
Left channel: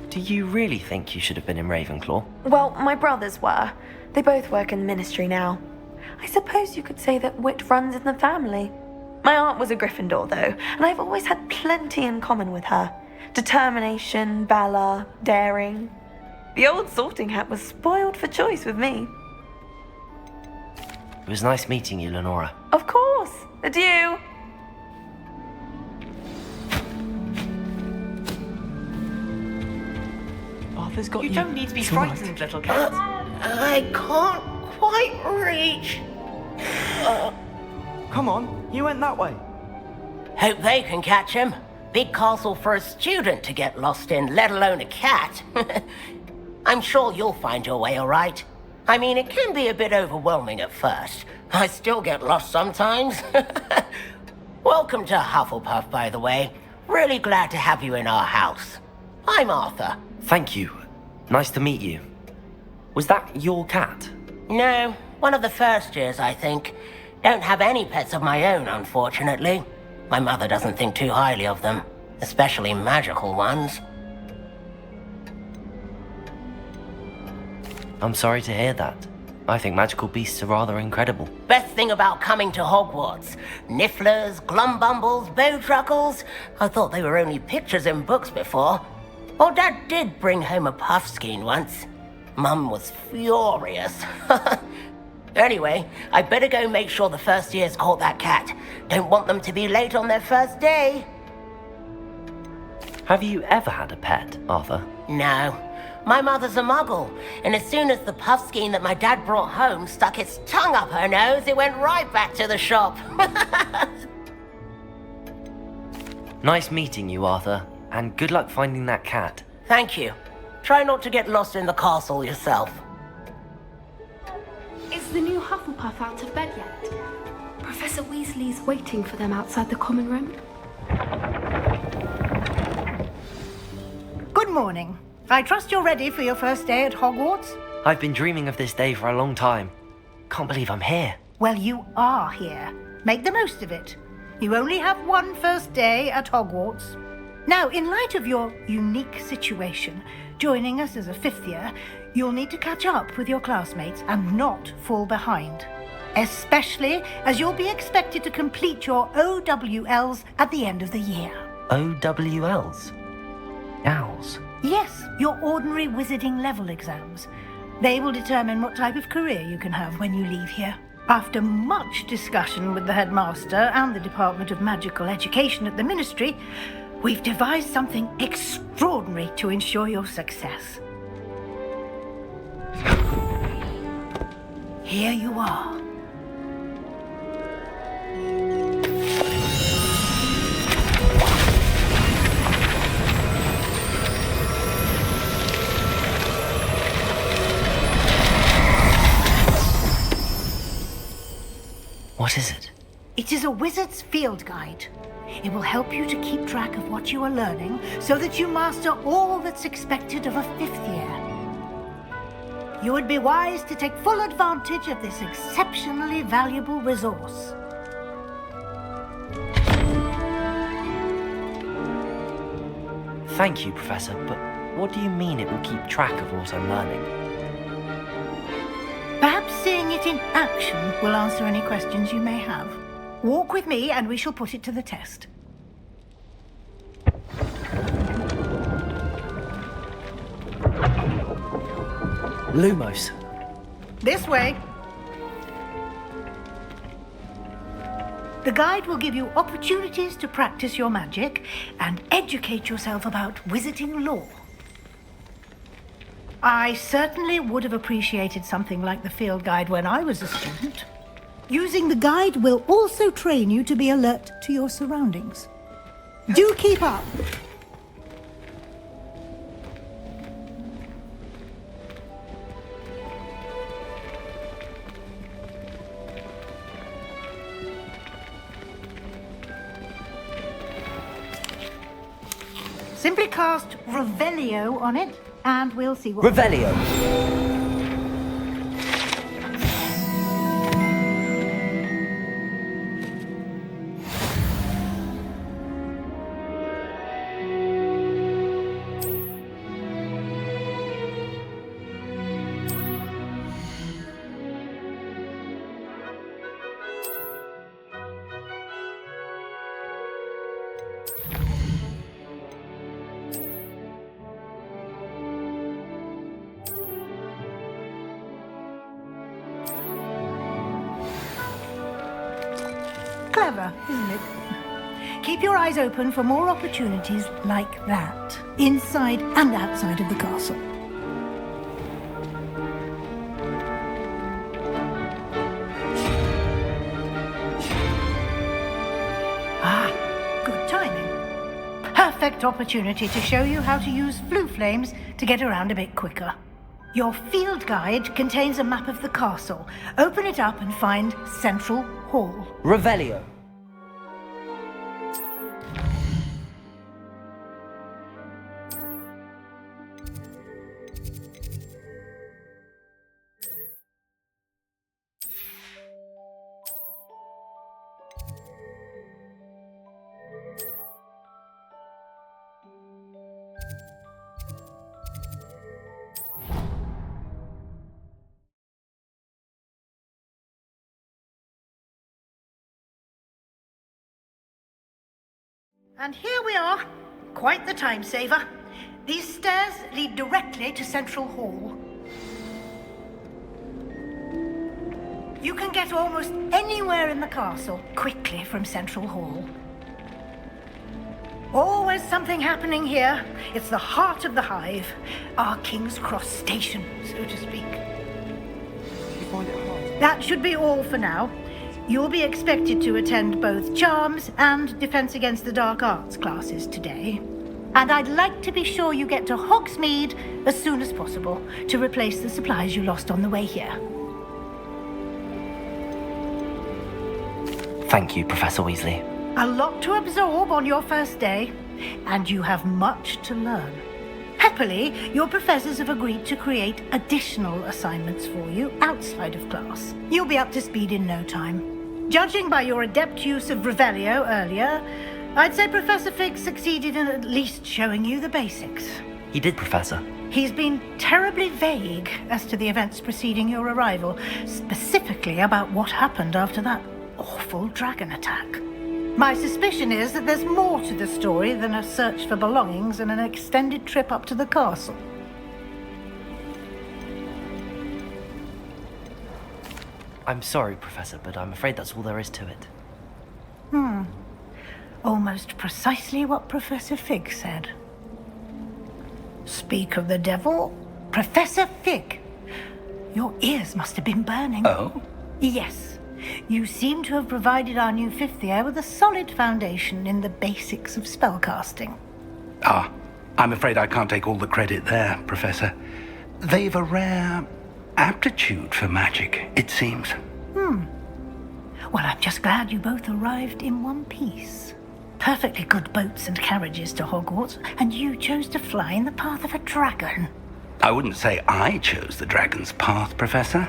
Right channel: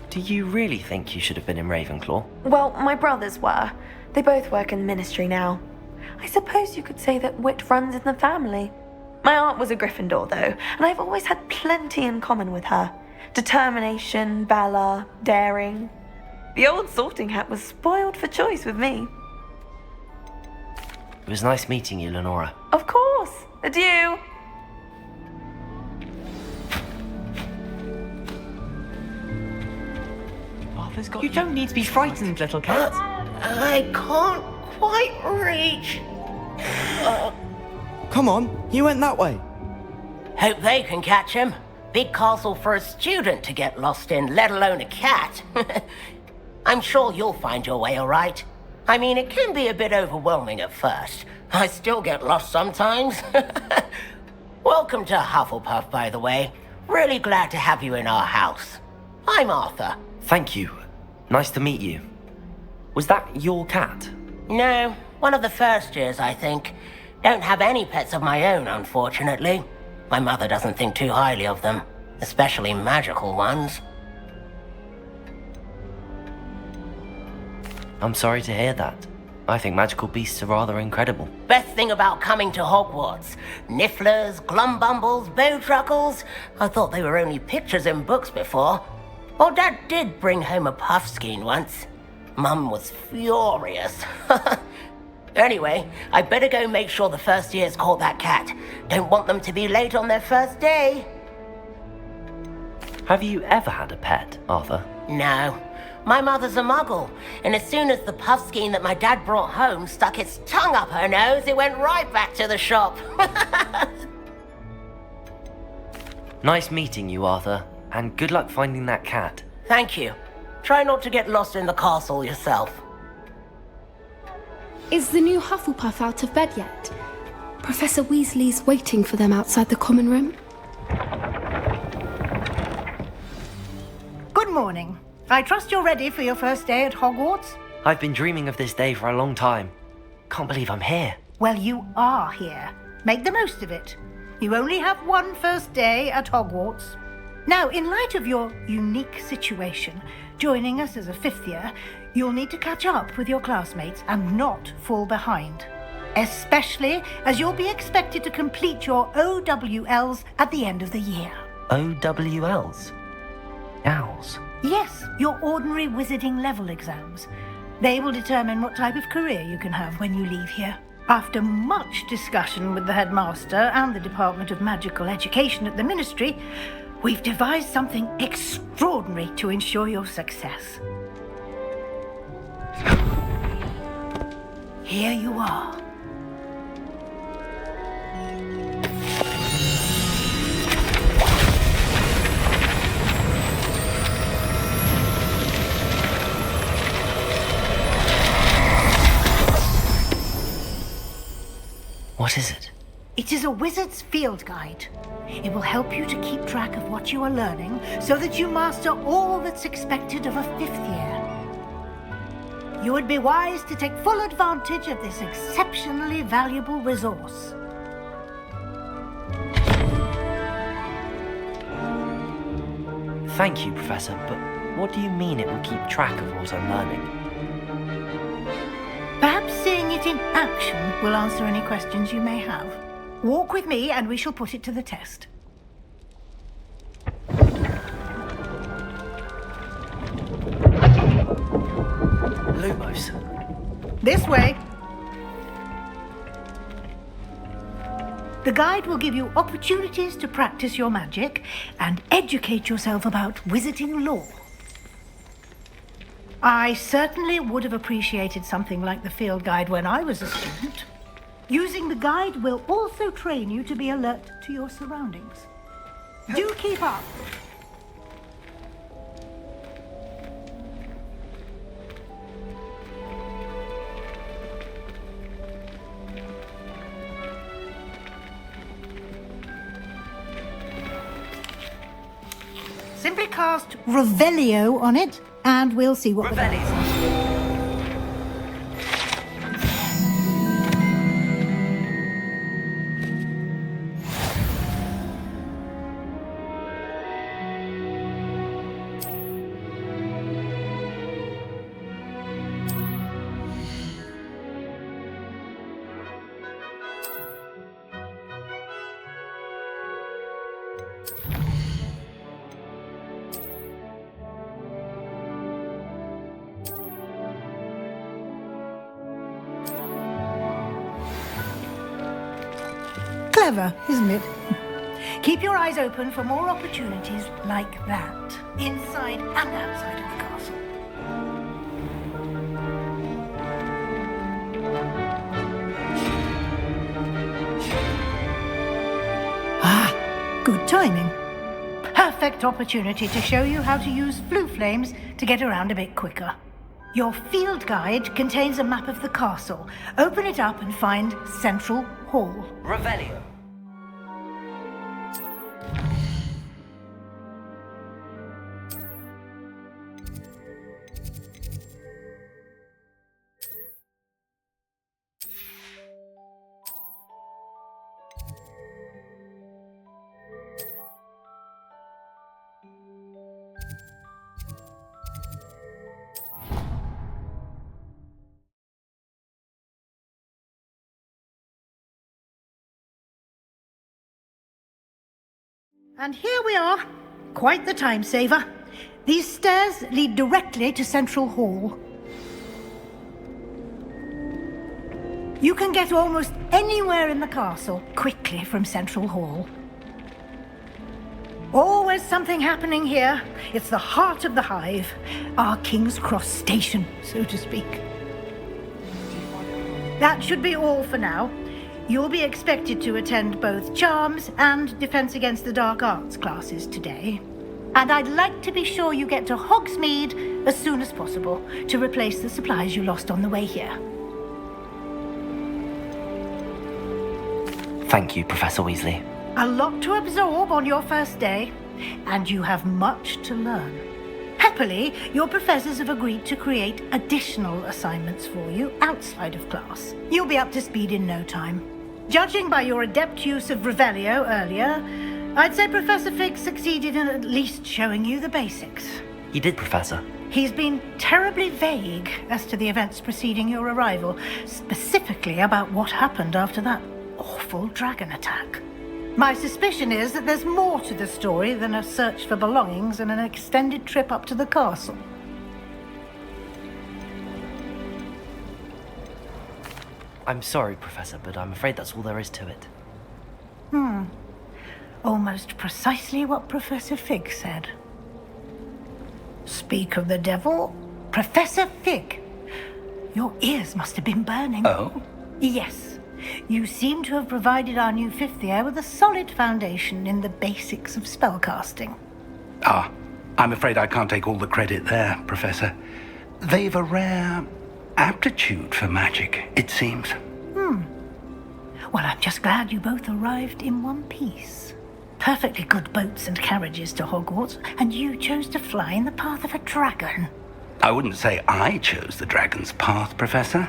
Do you really think you should have been in Ravenclaw? Well, my brothers were. They both work in the ministry now. I suppose you could say that wit runs in the family. My aunt was a Gryffindor, though, and I've always had plenty in common with her. Determination, valor, daring. The old sorting hat was spoiled for choice with me. It was nice meeting you, Lenora. Of course. Adieu. Arthur's got You don't need to be frightened, little cat. I can't quite reach. Come on, you went that way. Hope they can catch him. Big castle for a student to get lost in, let alone a cat. I'm sure you'll find your way all right. I mean, it can be a bit overwhelming at first. I still get lost sometimes. Welcome to Hufflepuff, by the way. Really glad to have you in our house. I'm Arthur. Thank you. Nice to meet you. Was that your cat? No, one of the first years, I think. Don't have any pets of my own, unfortunately. My mother doesn't think too highly of them, especially magical ones. I'm sorry to hear that. I think magical beasts are rather incredible. Best thing about coming to Hogwarts. Nifflers, glumbumbles, bowtruckles. I thought they were only pictures in books before. Well, Dad did bring home a puffskein once. Mum was furious. Anyway, I better go make sure the first years caught that cat. Don't want them to be late on their first day. Have you ever had a pet, Arthur? No. My mother's a muggle, and as soon as the puffskein that my dad brought home stuck its tongue up her nose, it went right back to the shop. Nice meeting you, Arthur, and good luck finding that cat. Thank you. Try not to get lost in the castle yourself. Is the new Hufflepuff out of bed yet? Professor Weasley's waiting for them outside the common room. Good morning. I trust you're ready for your first day at Hogwarts? I've been dreaming of this day for a long time. Can't believe I'm here. Well, you are here. Make the most of it. You only have one first day at Hogwarts. Now, in light of your unique situation, joining us as a fifth year, you'll need to catch up with your classmates and not fall behind. Especially as you'll be expected to complete your OWLs at the end of the year. OWLs? Owls? Yes, your ordinary wizarding level exams. They will determine what type of career you can have when you leave here. After much discussion with the headmaster and the Department of Magical Education at the Ministry, we've devised something extraordinary to ensure your success. Here you are. What is it? It is a wizard's field guide. It will help you to keep track of what you are learning so that you master all that's expected of a fifth year. You would be wise to take full advantage of this exceptionally valuable resource. Thank you, Professor, but what do you mean it will keep track of what I'm learning? Perhaps seeing it in action will answer any questions you may have. Walk with me and we shall put it to the test. Lumos. This way. The guide will give you opportunities to practice your magic and educate yourself about wizarding lore. I certainly would have appreciated something like the field guide when I was a student. Using the guide will also train you to be alert to your surroundings. Do keep up. Simply cast Revelio on it, and we'll see what... Revelio. Clever, isn't it? Keep your eyes open for more opportunities like that, inside and outside of the castle. Ah, good timing. Perfect opportunity to show you how to use flue flames to get around a bit quicker. Your field guide contains a map of the castle. Open it up and find Central Hall. Revelio. And here we are. Quite the time saver. These stairs lead directly to Central Hall. You can get almost anywhere in the castle quickly from Central Hall. Always something happening here. It's the heart of the hive. Our King's Cross station, so to speak. That should be all for now. You'll be expected to attend both Charms and Defense Against the Dark Arts classes today. And I'd like to be sure you get to Hogsmeade as soon as possible to replace the supplies you lost on the way here. Thank you, Professor Weasley. A lot to absorb on your first day, and you have much to learn. Happily, your professors have agreed to create additional assignments for you outside of class. You'll be up to speed in no time. Judging by your adept use of Revelio earlier, I'd say Professor Fig succeeded in at least showing you the basics. He did, Professor. He's been terribly vague as to the events preceding your arrival, specifically about what happened after that awful dragon attack. My suspicion is that there's more to the story than a search for belongings and an extended trip up to the castle. I'm sorry, Professor, but I'm afraid that's all there is to it. Almost precisely what Professor Fig said. Speak of the devil, Professor Fig. Your ears must have been burning. Oh? Yes. You seem to have provided our new fifth year with a solid foundation in the basics of spellcasting. Ah, I'm afraid I can't take all the credit there, Professor. They've a rare aptitude for magic, it seems. Well, I'm just glad you both arrived in one piece. Perfectly good boats and carriages to Hogwarts, and you chose to fly in the path of a dragon. I wouldn't say I chose the dragon's path, Professor.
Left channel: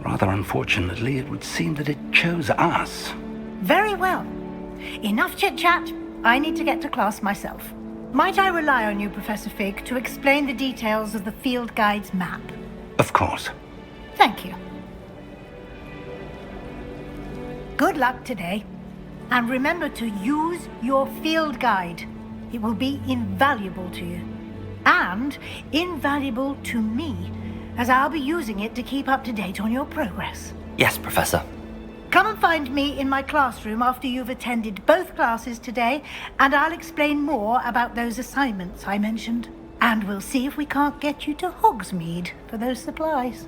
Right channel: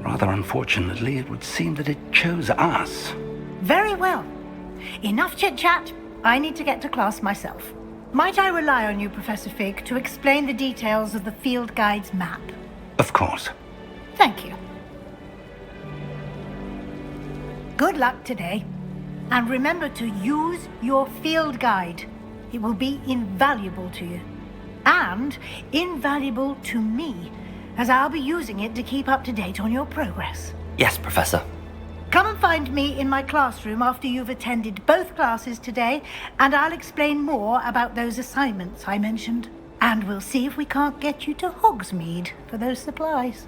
Rather unfortunately, it would seem that it chose us. Very well. Enough chit-chat. I need to get to class myself. Might I rely on you, Professor Fig, to explain the details of the field guide's map? Of course. Thank you. Good luck today. And remember to use your field guide. It will be invaluable to you. And invaluable to me, as I'll be using it to keep up to date on your progress. Yes, Professor. Come and find me in my classroom after you've attended both classes today, and I'll explain more about those assignments I mentioned. And we'll see if we can't get you to Hogsmeade for those supplies.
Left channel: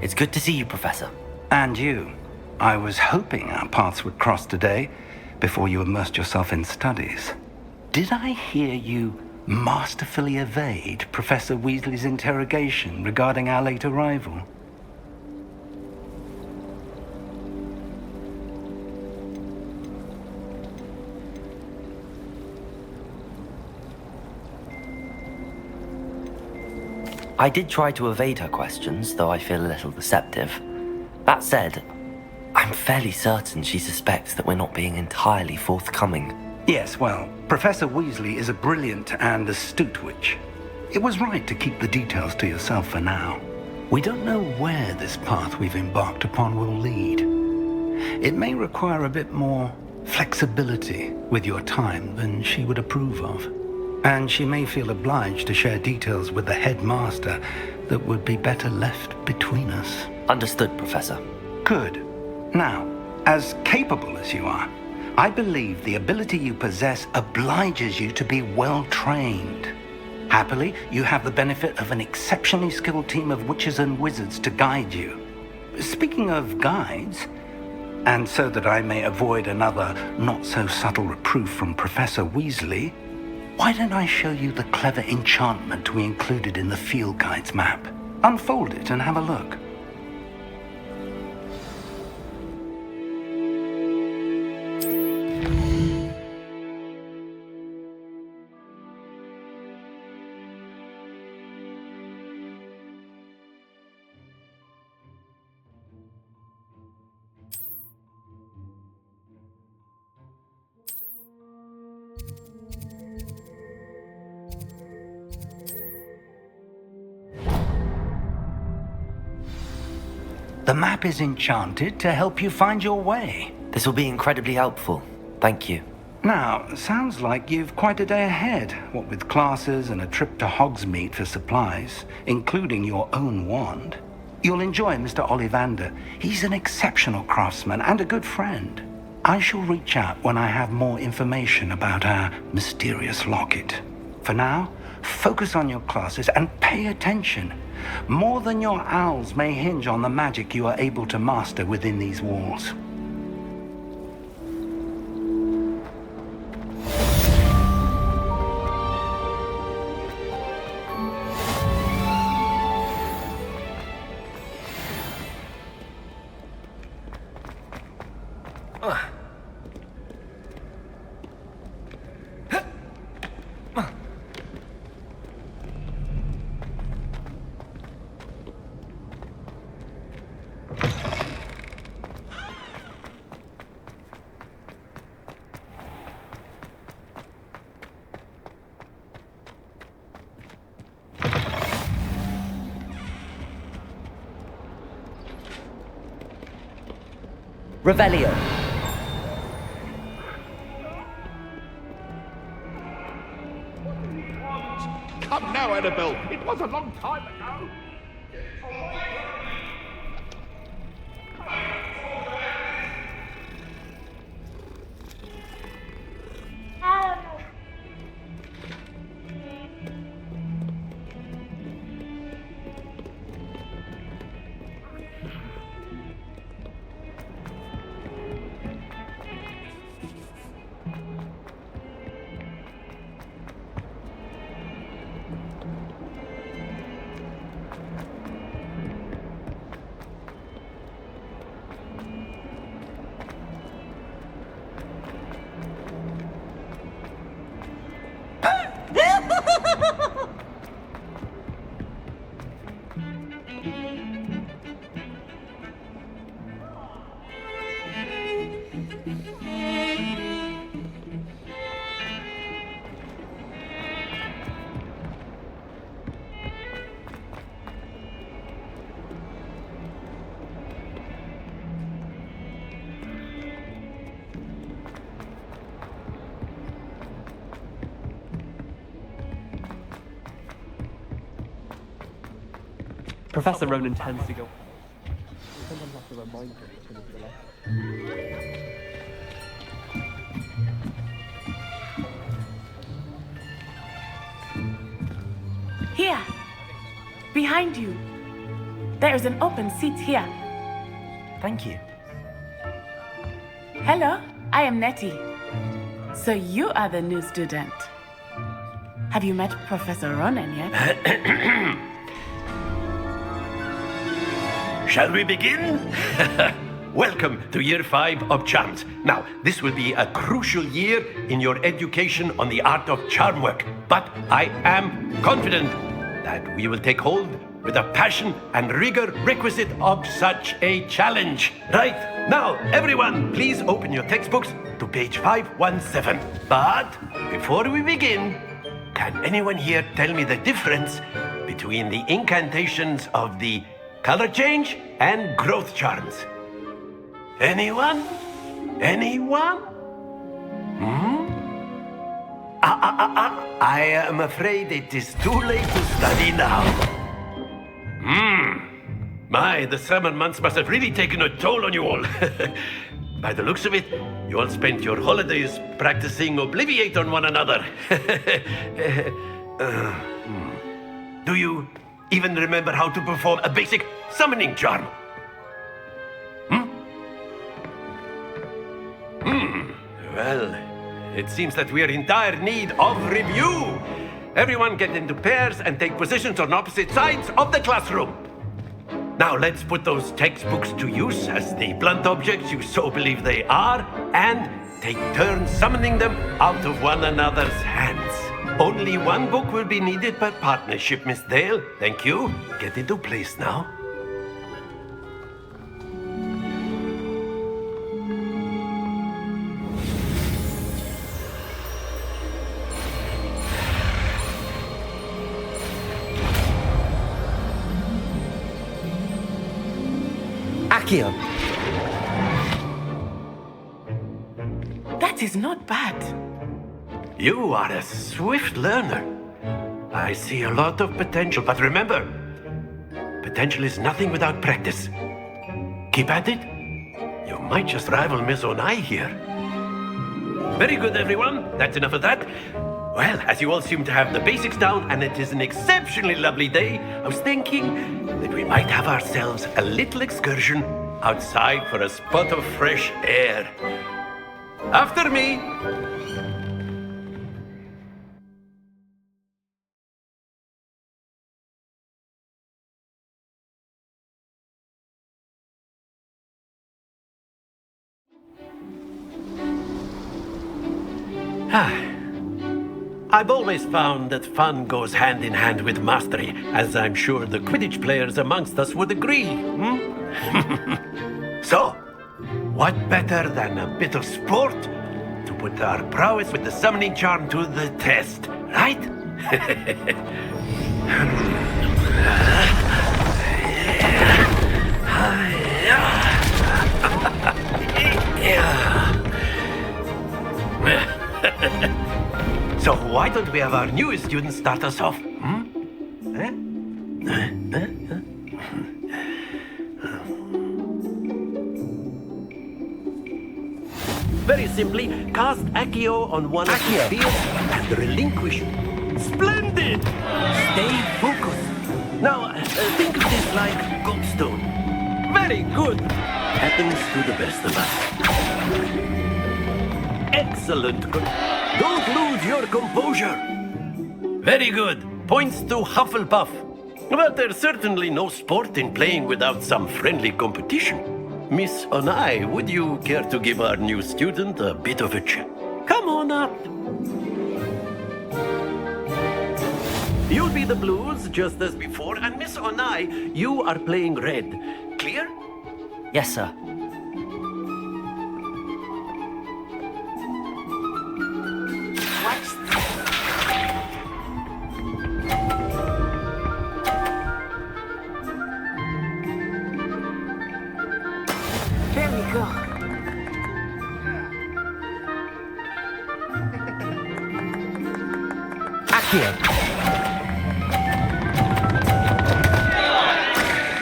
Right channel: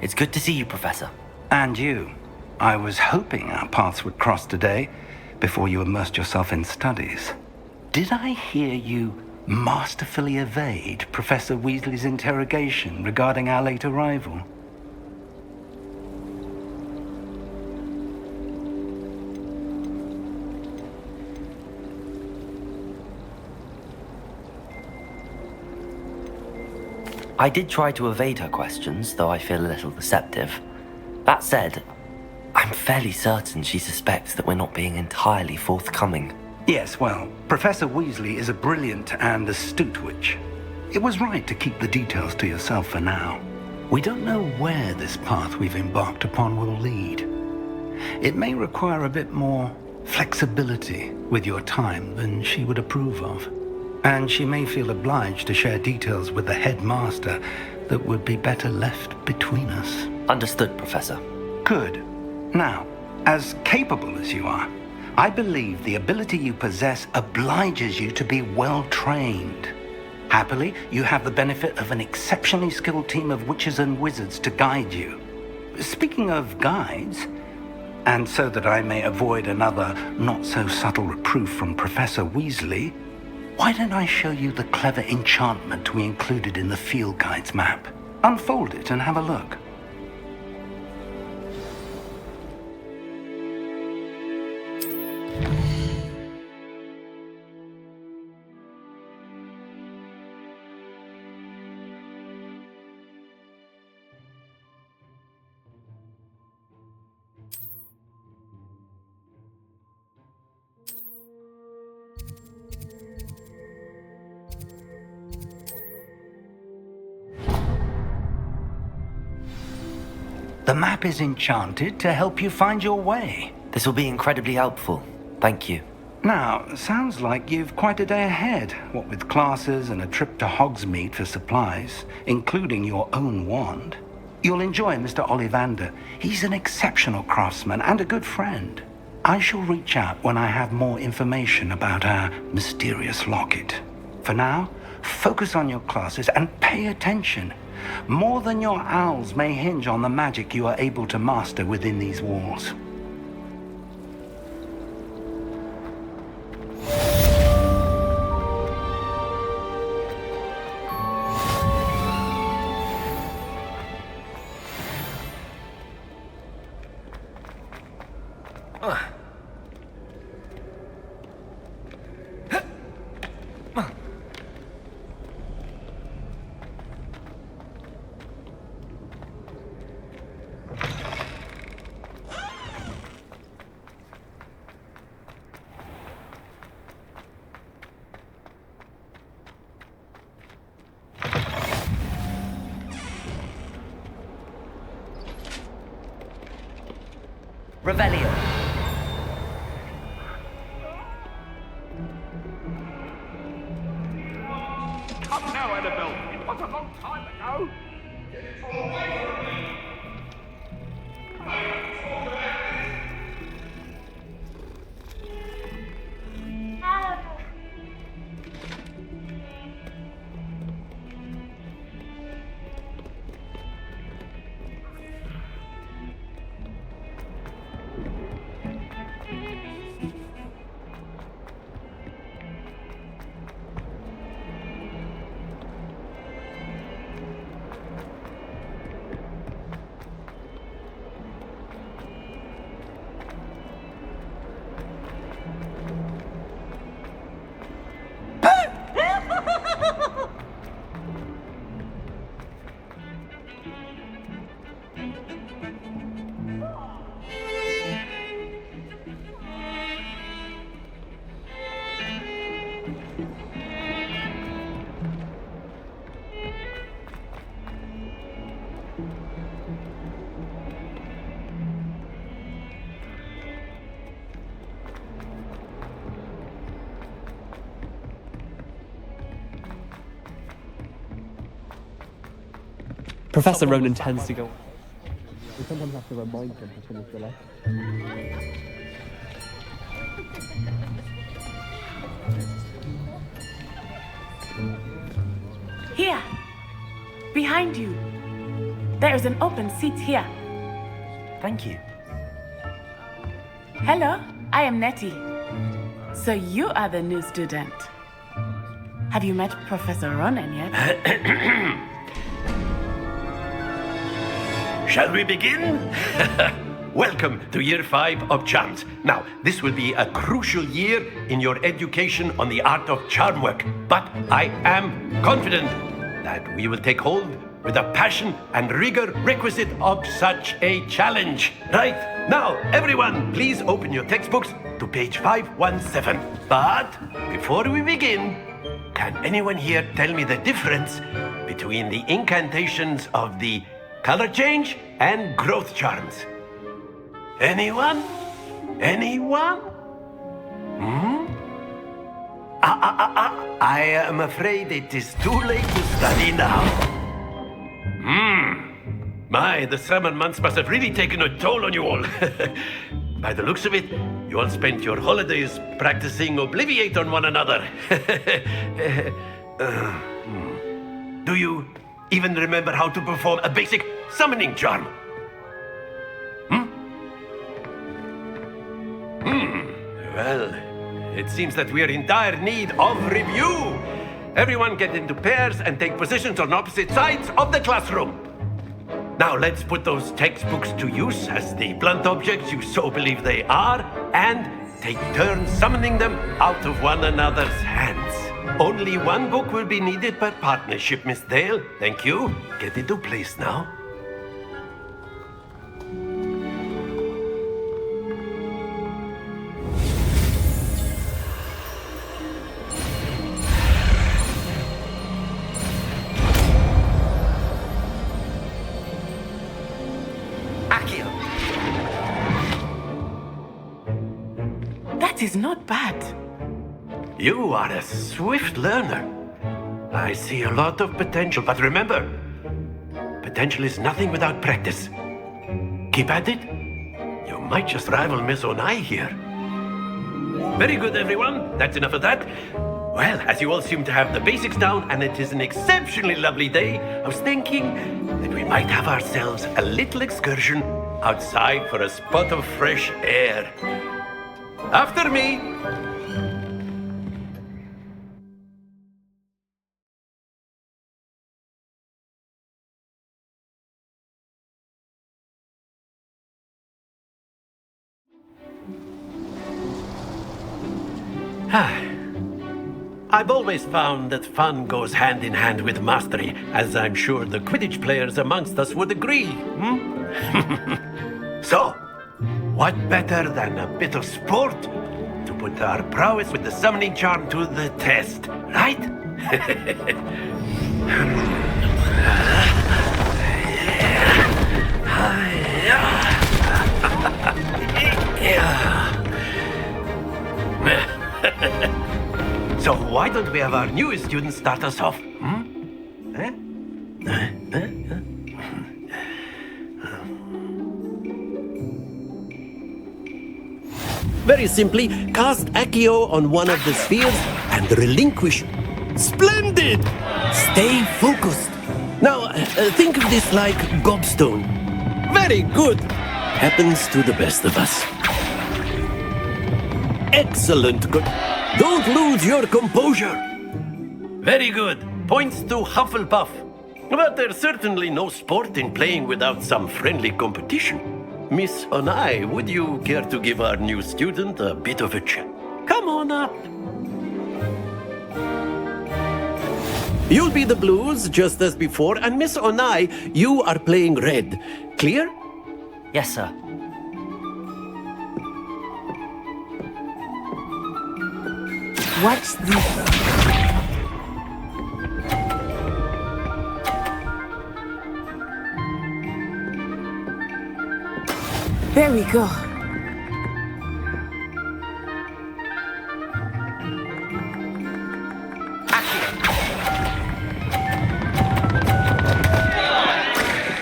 It's good to see you, Professor. And you. I was hoping our paths would cross today before you immersed yourself in studies. Did I hear you masterfully evade Professor Weasley's interrogation regarding our late arrival? I did try to evade her questions, though I feel a little deceptive. That said, I'm fairly certain she suspects that we're not being entirely forthcoming. Yes, well, Professor Weasley is a brilliant and astute witch. It was right to keep the details to yourself for now. We don't know where this path we've embarked upon will lead. It may require a bit more flexibility with your time than she would approve of. And she may feel obliged to share details with the headmaster that would be better left between us. Understood, Professor. Good. Now, as capable as you are, I believe the ability you possess obliges you to be well trained. Happily, you have the benefit of an exceptionally skilled team of witches and wizards to guide you. Speaking of guides, and so that I may avoid another not-so-subtle reproof from Professor Weasley, why don't I show you the clever enchantment we included in the field guide's map? Unfold it and have a look. The map is enchanted to help you find your way. This will be incredibly helpful. Thank you. Now, sounds like you've quite a day ahead, what with classes and a trip to Hogsmeade for supplies, including your own wand. You'll enjoy Mr. Ollivander. He's an exceptional craftsman and a good friend. I shall reach out when I have more information about our mysterious locket. For now, focus on your classes and pay attention. More than your owls may hinge on the magic you are able to master within these walls. Revelio. Come now, Annabelle. It was a long time ago. Professor Ronan tends to go. Here, behind you. There is an open seat here. Thank you. Hello, I am Nettie. So you are the new student. Have you met Professor Ronan yet? Shall we begin? Welcome to Year 5 of Charms. Now, this will be a crucial year in your education on the art of charm work, but I am confident that we will take hold with the passion and rigor requisite of such a challenge. Right, now, everyone, please open your textbooks to page 517. But before we begin, can anyone here tell me the difference between the incantations of the color change and growth charms? Anyone? Anyone? I am afraid it is too late to study now. My, the summer months must have really taken a toll on you all. By the looks of it, you all spent your holidays practicing Obliviate on one another. Do you even remember how to perform a basic summoning charm? Well, it seems that we are in dire need of review. Everyone get into pairs and take positions on opposite sides of the classroom. Now let's put those textbooks to use as the blunt objects you so believe they are, and take turns summoning them out of one another's hands. Only one book will be needed per partnership, Miss Dale. Thank you. Get into place now. Akio. That is not bad. You are a swift learner. I see a lot of potential, but remember, potential is nothing without practice. Keep at it. You might just rival Miss Onai here. Very good, everyone. That's enough of that. Well, as you all seem to have the basics down, and it is an exceptionally lovely day, I was thinking that we might have ourselves a little excursion outside for a spot of fresh air. After me. I've always found that fun goes hand in hand with mastery, as I'm sure the Quidditch players amongst us would agree. So, what better than a bit of sport to put our prowess with the summoning charm to the test, right? So why don't we have our newest student start us off? Very simply, cast Accio on one of the spheres and relinquish. Splendid! Stay focused. Now, think of this like gobstone. Very good. Happens to the best of us. Excellent. Don't lose your composure. Very good. Points to Hufflepuff. But there's certainly no sport in playing without some friendly competition. Miss Onai, would you care to give our new student a bit of a chat? Come on up. You'll be the blues, just as before, and Miss Onai, you are playing red. Clear? Yes, sir. Watch this. There we go. Accio.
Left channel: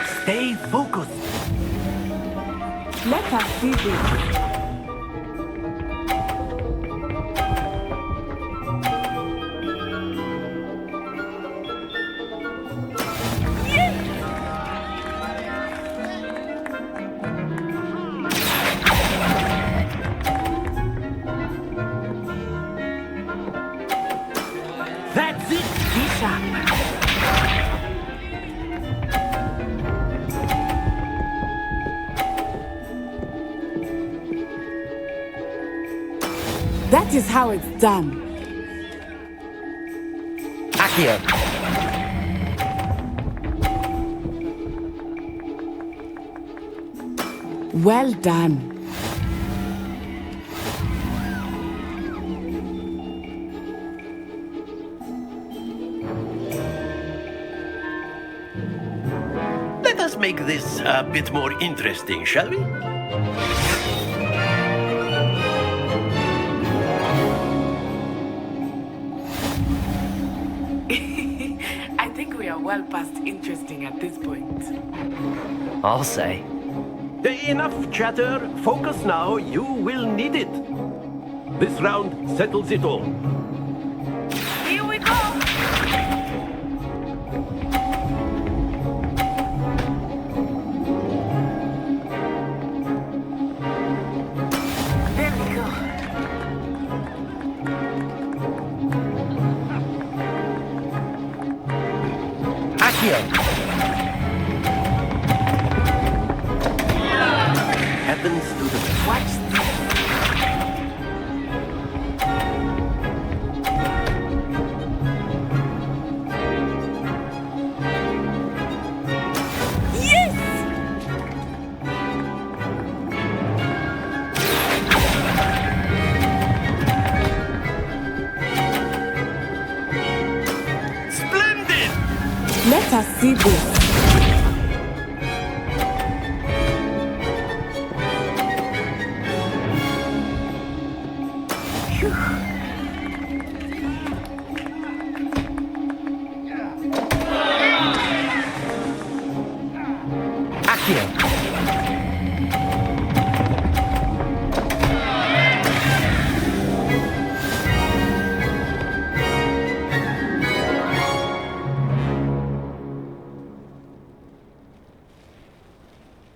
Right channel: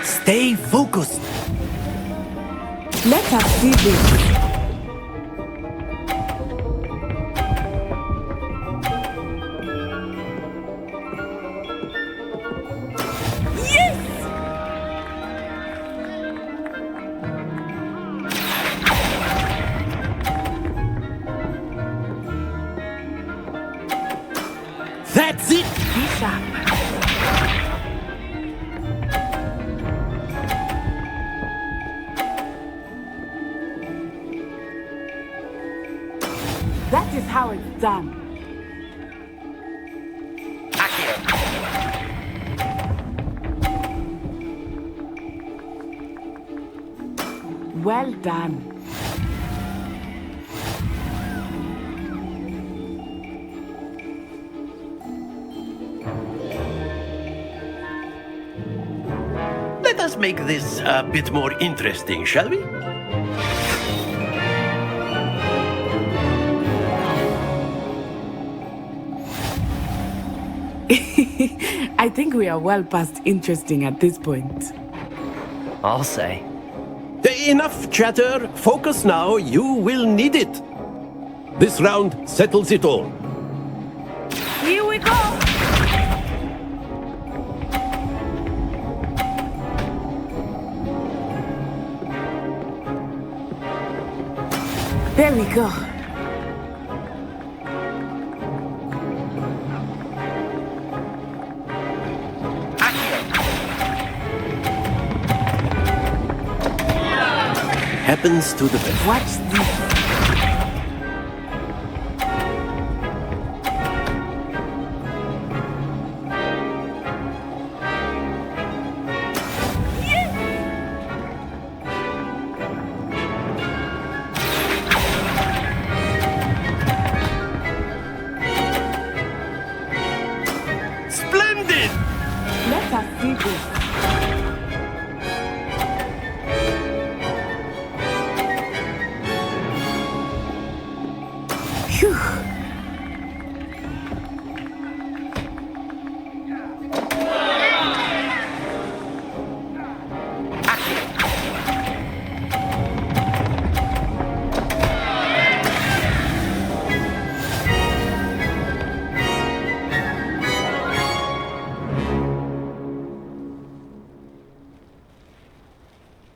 Stay focused. Let us see this. That is how it's done. Accio. Well done. Let us make this a bit more interesting, shall we? I think we are well past interesting at this point. I'll say. Enough chatter. Focus now. You will need it. This round settles it all. Here we go! There we go. Happens to the best. Watch this. Splendid! Let us see this. Phew.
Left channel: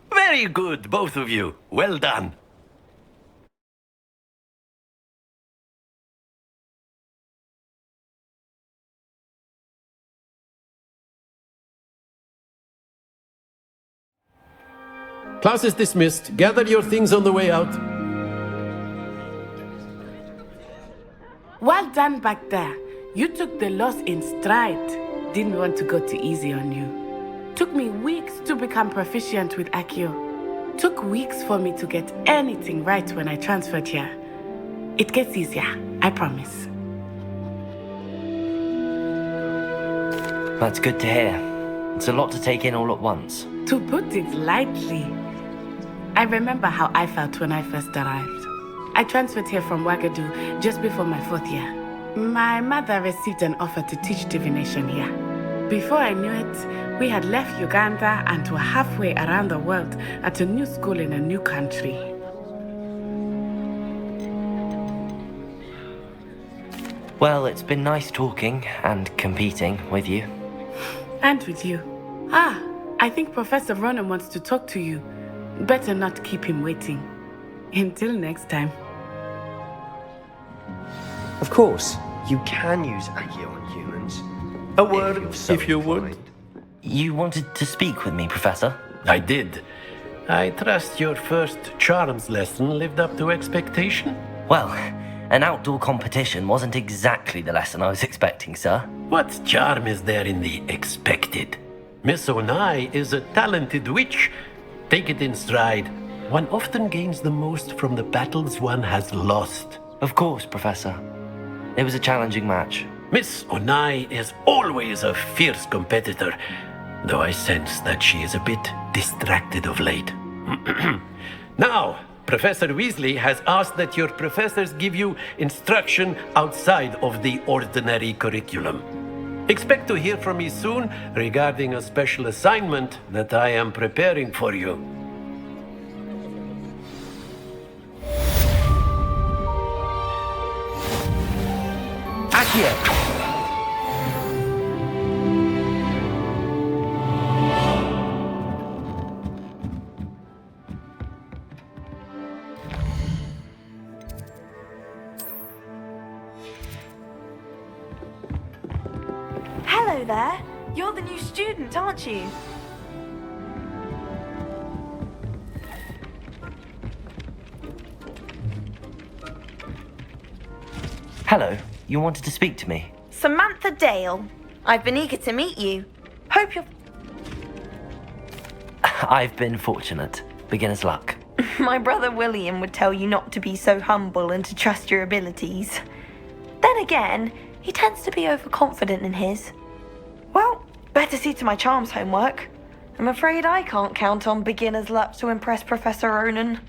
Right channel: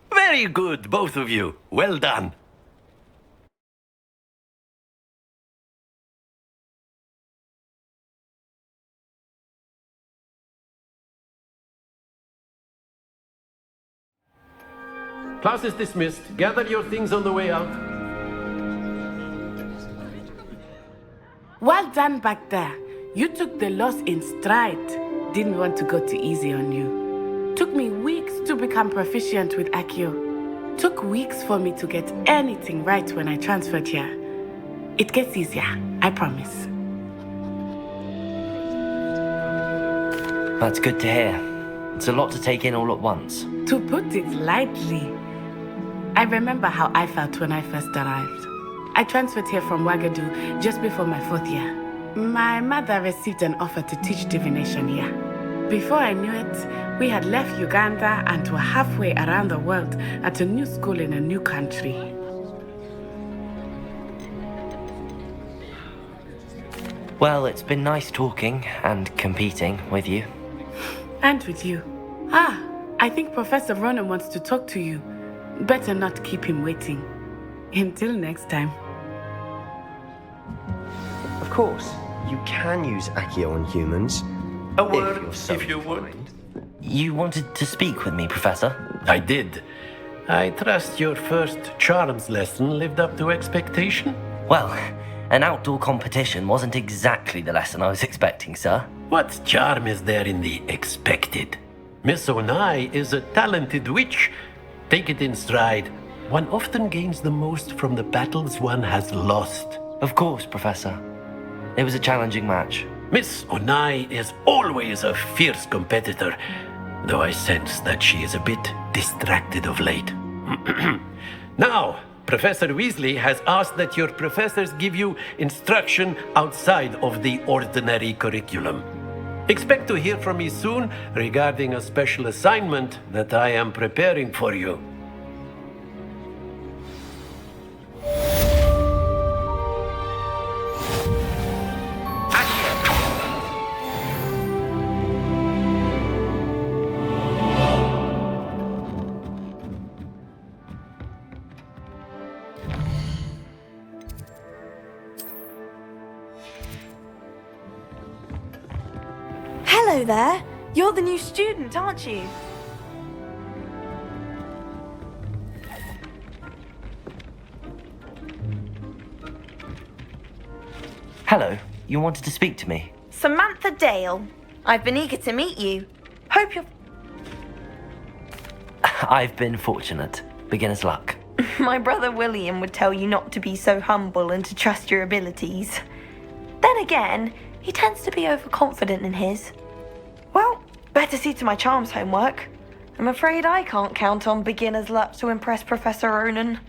Very good, both of you. Well done. Class is dismissed. Gather your things on the way out. Well done back there. You took the loss in stride. Didn't want to go too easy on you. Took me weeks to become proficient with Accio. Took weeks for me to get anything right when I transferred here. It gets easier, I promise. That's good to hear. It's a lot to take in all at once. To put it lightly, I remember how I felt when I first arrived. I transferred here from Ouagadougou just before my 4th year. My mother received an offer to teach divination here. Before I knew it, we had left Uganda and were halfway around the world at a new school in a new country. Well, it's been nice talking and competing with you. And with you. Ah, I think Professor Ronan wants to talk to you. Better not keep him waiting. Until next time. Of course, you can use Accio on humans. A word, if you would. You wanted to speak with me, Professor? I did. I trust your first charms lesson lived up to expectation? Well, an outdoor competition wasn't exactly the lesson I was expecting, sir. What charm is there in the expected? Miss Onai is a talented witch. Take it in stride. One often gains the most from the battles one has lost. Of course, Professor. It was a challenging match. Miss Onai is always a fierce competitor, though I sense that she is a bit distracted of late. Now, Professor Weasley has asked that your professors give you instruction outside of the ordinary curriculum. Expect to hear from me soon regarding a special assignment that I am preparing for you. Accio! Hello there. You're the new student, aren't you? Hello, you wanted to speak to me? Samantha Dale. I've been eager to meet you. Hope you're... I've been fortunate. Beginner's luck. My brother William would tell you not to be so humble and to trust your abilities. Then again, he tends to be overconfident in his. Well, better see to my charms homework. I'm afraid I can't count on beginner's luck to impress Professor Ronan.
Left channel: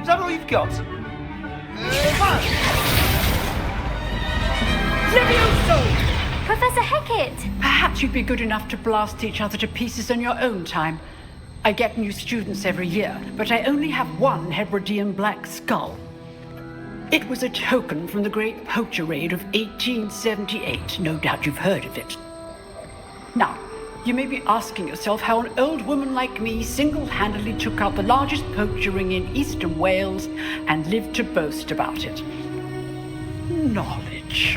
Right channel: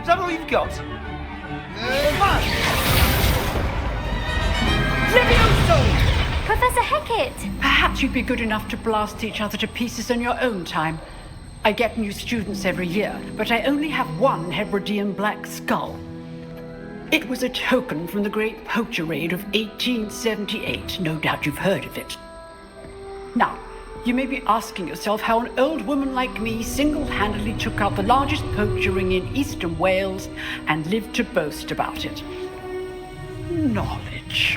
Is that all you've got? Professor Hecat! Perhaps you'd be good enough to blast each other to pieces on your own time. I get new students every year, but I only have one Hebridean black skull. It was a token from the Great Poacher Raid of 1878. No doubt you've heard of it. Now, you may be asking yourself how an old woman like me single-handedly took out the largest poacher ring in eastern Wales and lived to boast about it. Knowledge.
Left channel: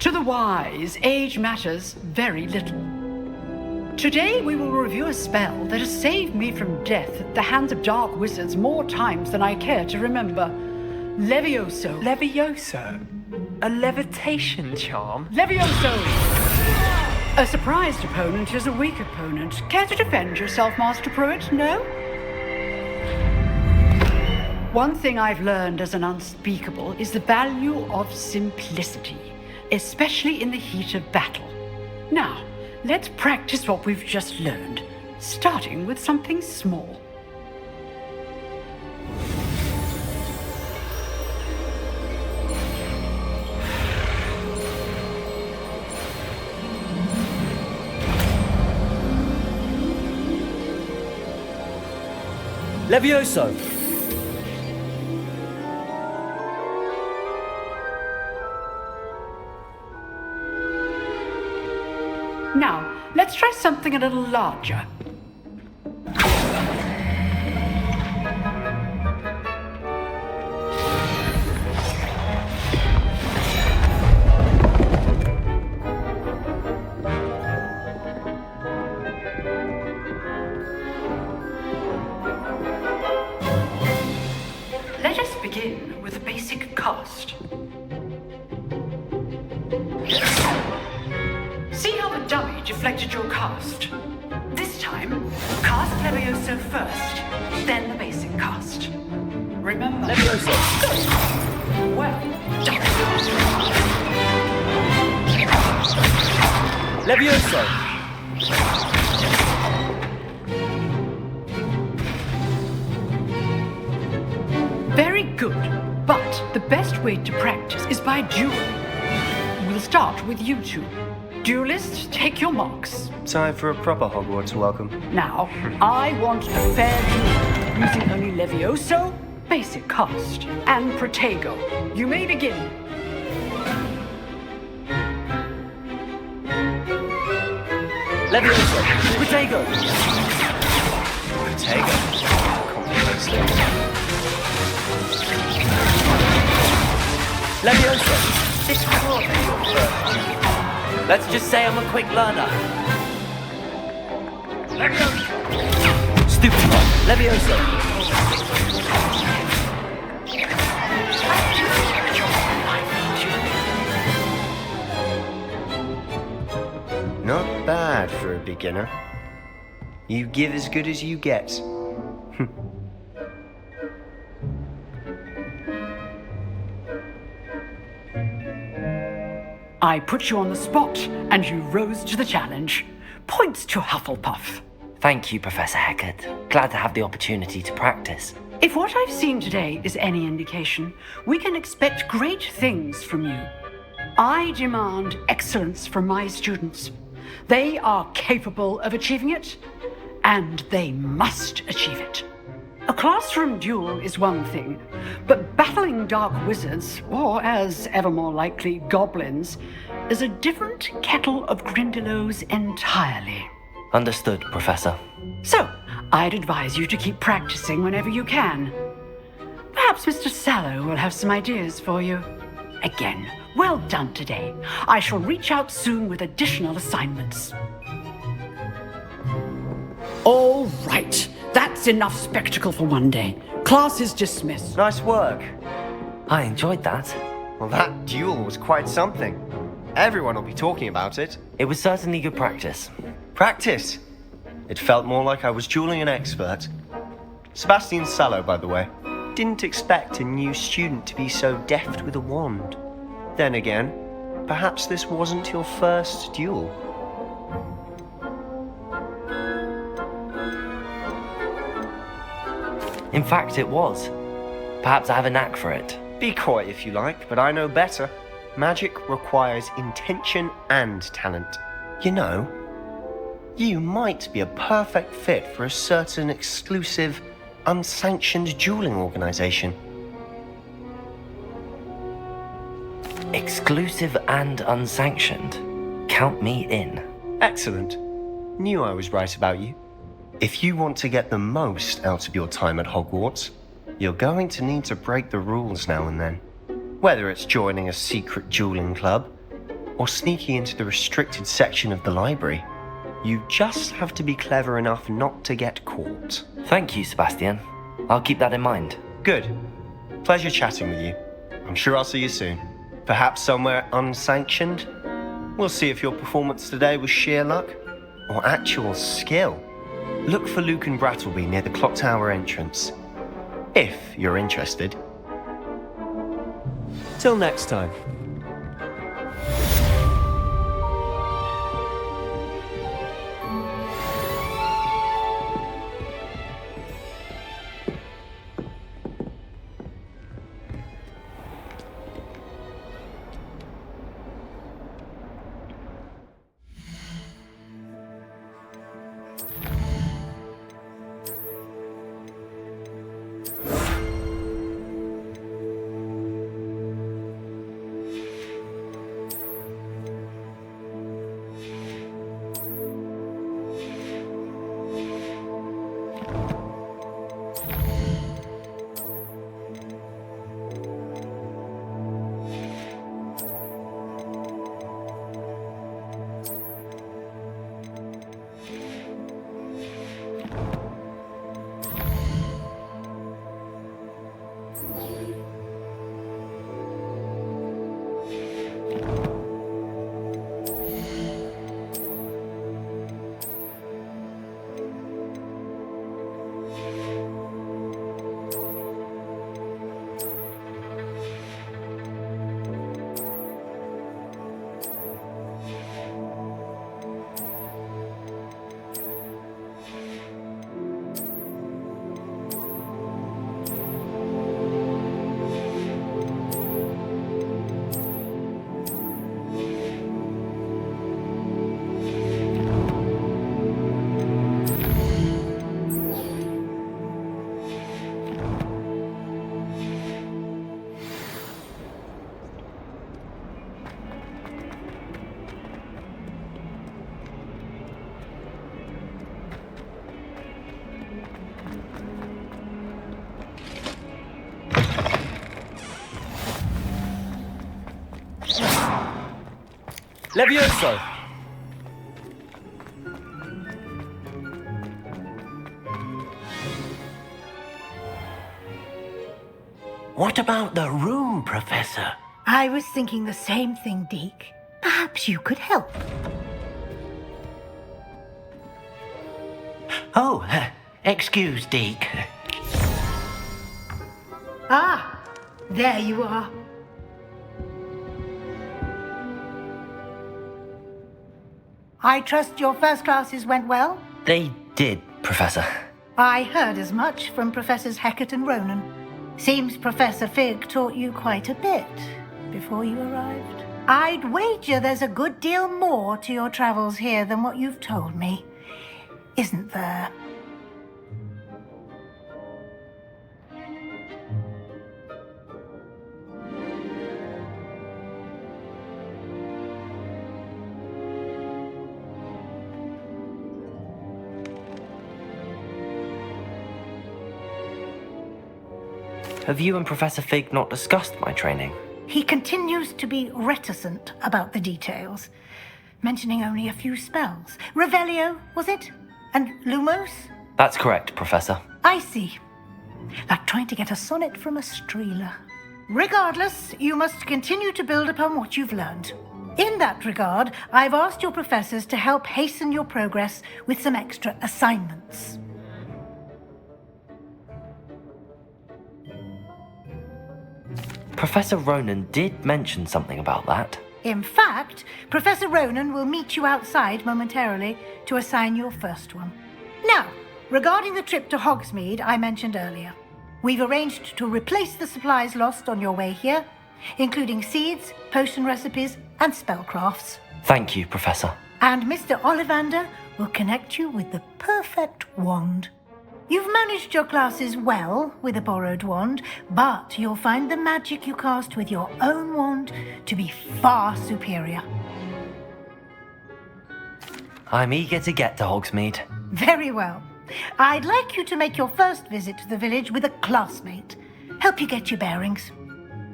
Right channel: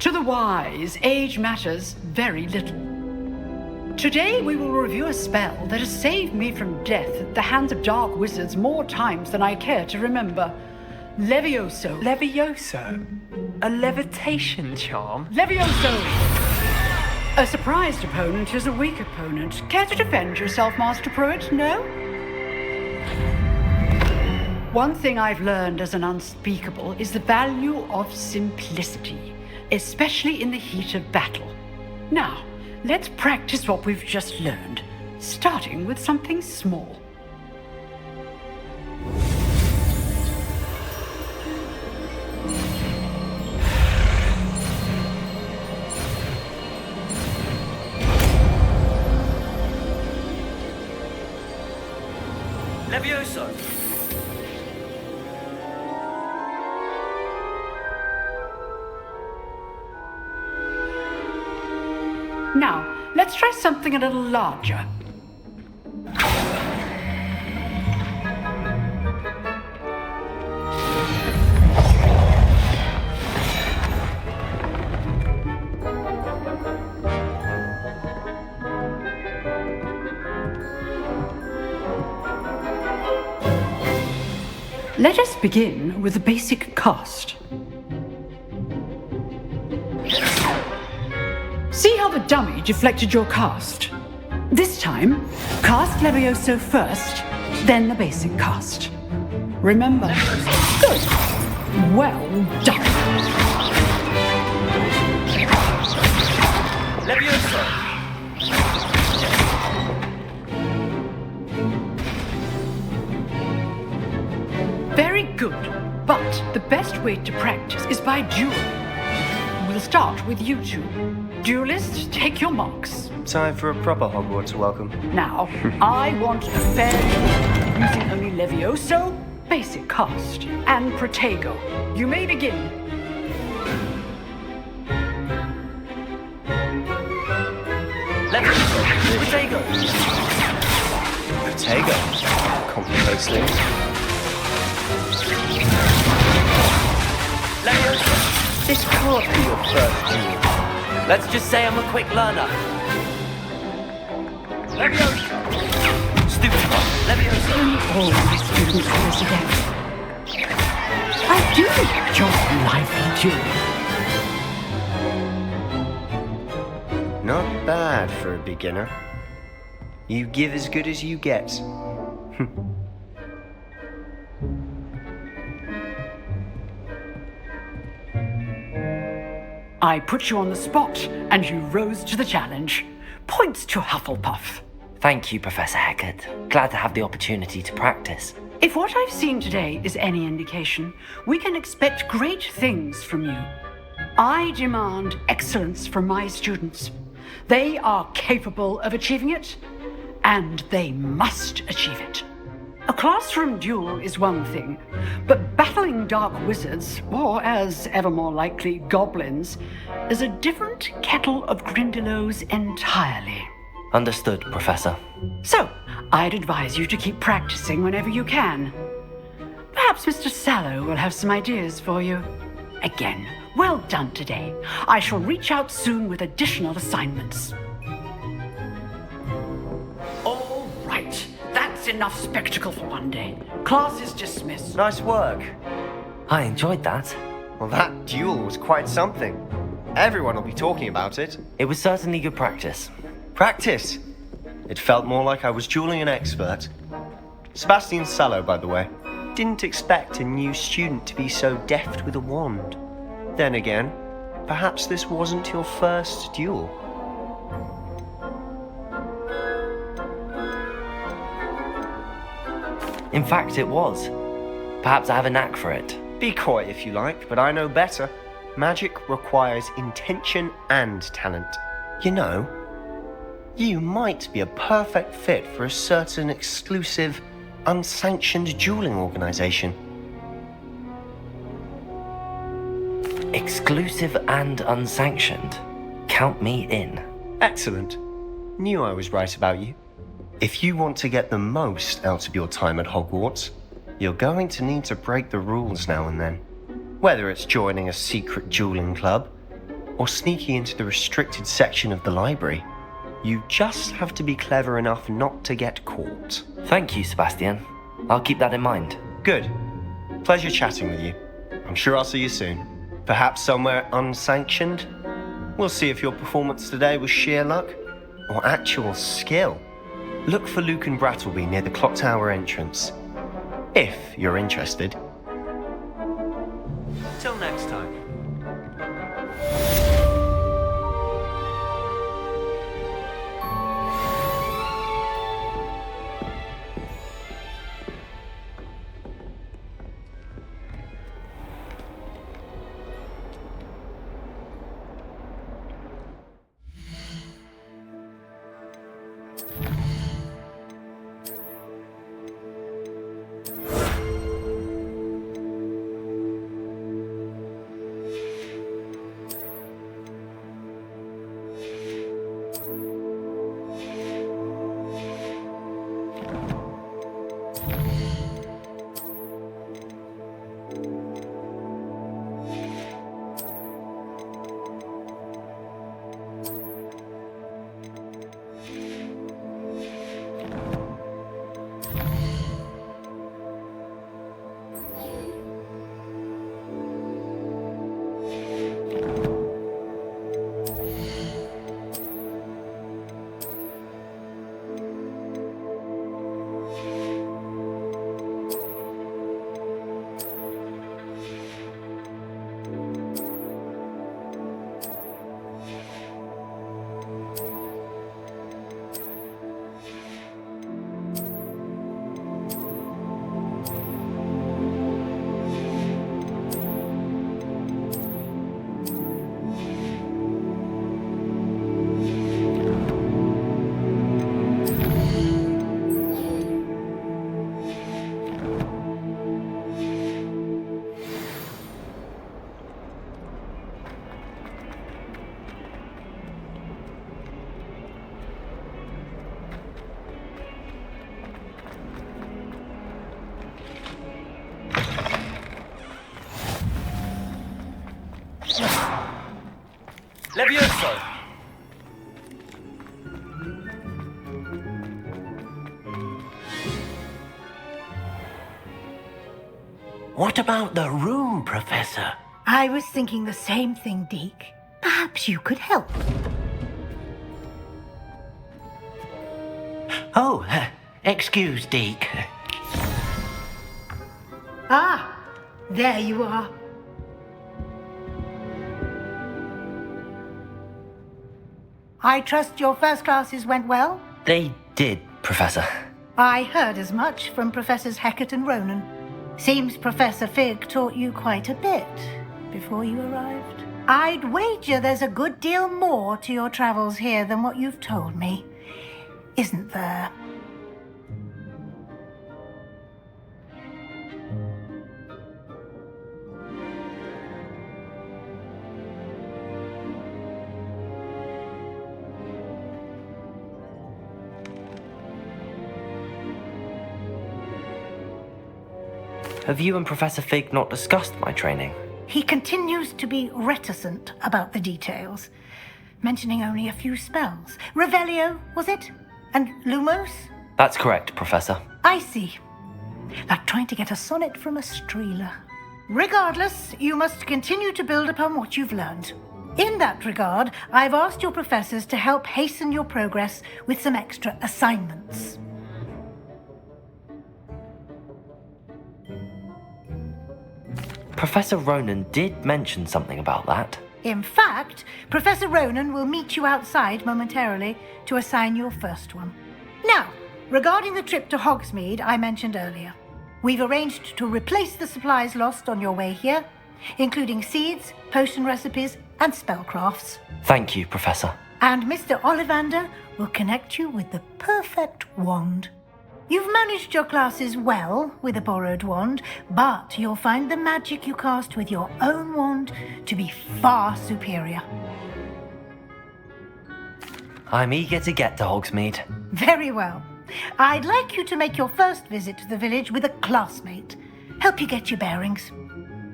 To the wise, age matters very little. Today we will review a spell that has saved me from death at the hands of dark wizards more times than I care to remember. Levioso. Levioso? A levitation charm? Levioso! A surprised opponent is a weak opponent. Care to defend yourself, Master Pruitt? No? One thing I've learned as an unspeakable is the value of simplicity, especially in the heat of battle. Now, let's practice what we've just learned, starting with something small. Levioso! Now, let's try something a little larger. Let us begin with the basic cast. See how the dummy deflected your cast? This time, cast Levioso first, then the basic cast. Remember... Levioso! Good! Well done! Levioso! Very good, but the best way to practice is by dueling. We'll start with you two. Duelists, take your marks. Time for a proper Hogwarts welcome. Now, I want a fair duel, using only Levioso, basic cast, and Protego. You may begin. Levioso! Protego! Protego? Complicates things. Levioso! This can't be your first duel. Let's just say I'm a quick learner. Levioso! Stupid one. Levioso! I do enjoy lively dueling. Not bad for a beginner. You give as good as you get. I put you on the spot, and you rose to the challenge. Points to Hufflepuff. Thank you, Professor Hecat. Glad to have the opportunity to practice. If what I've seen today is any indication, we can expect great things from you. I demand excellence from my students. They are capable of achieving it, and they must achieve it. A classroom duel is one thing, but battling dark wizards, or as ever more likely, goblins, is a different kettle of Grindylows entirely. Understood, Professor. So, I'd advise you to keep practicing whenever you can. Perhaps Mr. Sallow will have some ideas for you. Again, well done today. I shall reach out soon with additional assignments. All right. That's enough spectacle for one day. Class is dismissed. Nice work. I enjoyed that. Well, that duel was quite something. Everyone will be talking about it. It was certainly good practice. Practice? It felt more like I was dueling an expert. Sebastian Sallow, by the way. Didn't expect a new student to be so deft with a wand. Then again, perhaps this wasn't your first duel. In fact, it was. Perhaps I have a knack for it. Be coy if you like, but I know better. Magic requires intention and talent. You know, you might be a perfect fit for a certain exclusive, unsanctioned dueling organization. Exclusive and unsanctioned? Count me in. Excellent. Knew I was right about you. If you want to get the most out of your time at Hogwarts, you're going to need to break the rules now and then. Whether it's joining a secret dueling club, or sneaking into the restricted section of the library, you just have to be clever enough not to get caught. Thank you, Sebastian. I'll keep that in mind. Good. Pleasure chatting with you. I'm sure I'll see you soon. Perhaps somewhere unsanctioned? We'll see if your performance today was sheer luck, or actual skill. Look for Luke and Brattleby near the clock tower entrance. If you're interested. Till next time. Levioso! What about the room, Professor? I was thinking the same thing, Deke. Perhaps you could help. Oh, excuse, Deke. Ah, there you are. I trust your first classes went well? They did, Professor. I heard as much from Professors Hecat and Ronan. Seems Professor Fig taught you quite a bit before you arrived. I'd wager there's a good deal more to your travels here than what you've told me, isn't there? Have you and Professor Fig not discussed my training? He continues to be reticent about the details, mentioning only a few spells. Revelio, was it? And Lumos? That's correct, Professor. I see. Like trying to get a sonnet from a streeler. Regardless, you must continue to build upon what you've learned. In that regard, I've asked your professors to help hasten your progress with some extra assignments. Professor Ronan did mention something about that. In fact, Professor Ronan will meet you outside momentarily to assign your first one. Now, regarding the trip to Hogsmeade I mentioned earlier, we've arranged to replace the supplies lost on your way here, including seeds, potion recipes, and spellcrafts. Thank you, Professor. And Mr. Ollivander will connect you with the perfect wand. You've managed your classes well with a borrowed wand, but you'll find the magic you cast with your own wand to be far superior. I'm eager to get to Hogsmeade. Very well. I'd like you to make your first visit to the village with a classmate. Help you get your bearings.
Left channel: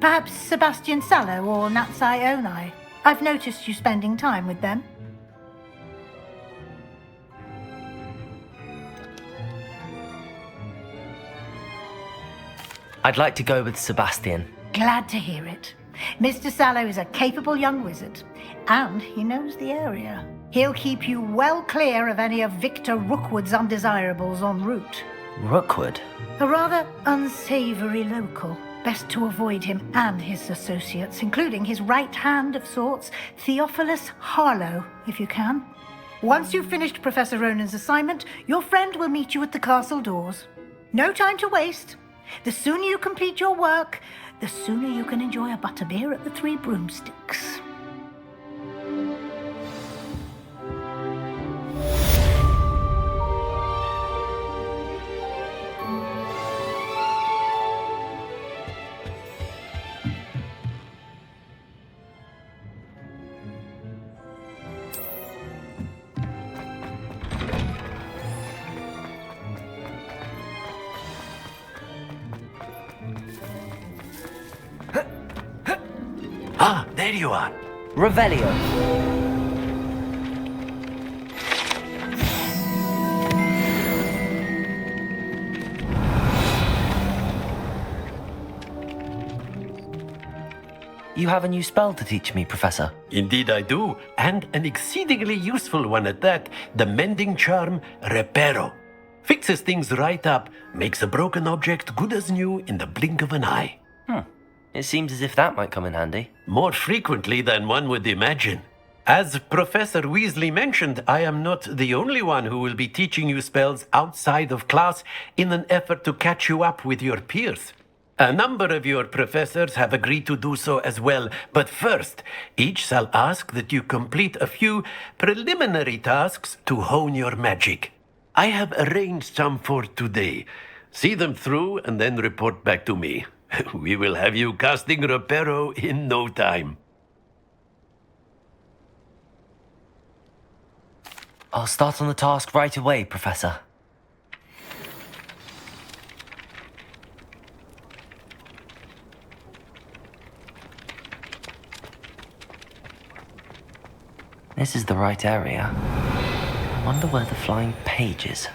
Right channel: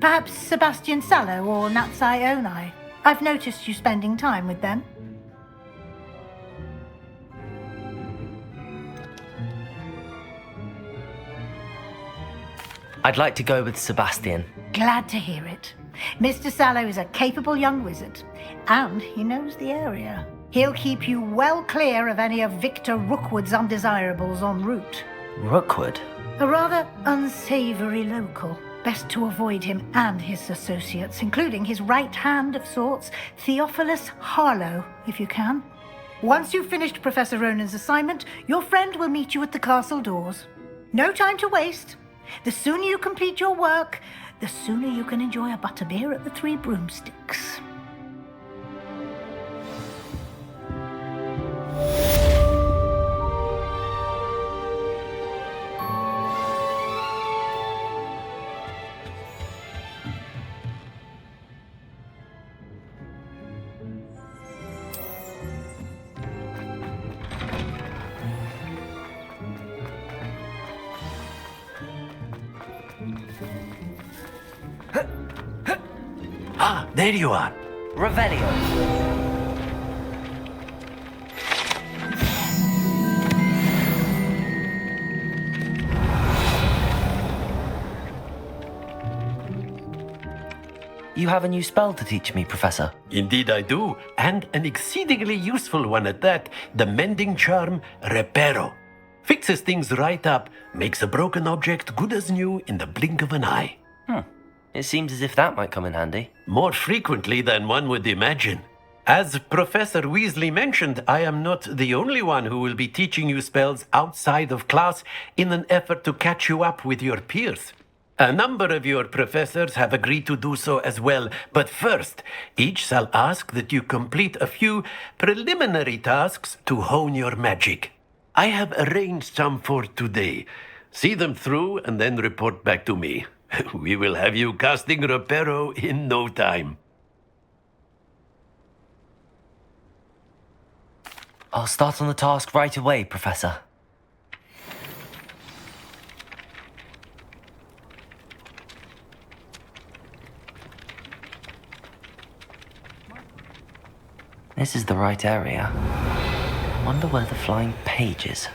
Perhaps Sebastian Sallow or Natsai Onai. I've noticed you spending time with them. I'd like to go with Sebastian. Glad to hear it. Mr. Sallow is a capable young wizard, and he knows the area. He'll keep you well clear of any of Victor Rookwood's undesirables en route. Rookwood? A rather unsavory local. Best to avoid him and his associates, including his right hand of sorts, Theophilus Harlow, if you can. Once you've finished Professor Ronan's assignment, your friend will meet you at the castle doors. No time to waste. The sooner you complete your work, the sooner you can enjoy a butterbeer at the Three Broomsticks. Ah, there you are. Revelio. You have a new spell to teach me, Professor. Indeed I do, and an exceedingly useful one at that. The mending charm, Reparo. Fixes things right up, makes a broken object good as new in the blink of an eye. It seems as if that might come in handy. More frequently than one would imagine. As Professor Weasley mentioned, I am not the only one who will be teaching you spells outside of class in an effort to catch you up with your peers. A number of your professors have agreed to do so as well, but first, each shall ask that you complete a few preliminary tasks to hone your magic. I have arranged some for today. See them through and then report back to me. We will have you casting Reparo in no time. I'll start on the task right away, Professor. This is the right area. I wonder where the flying page is.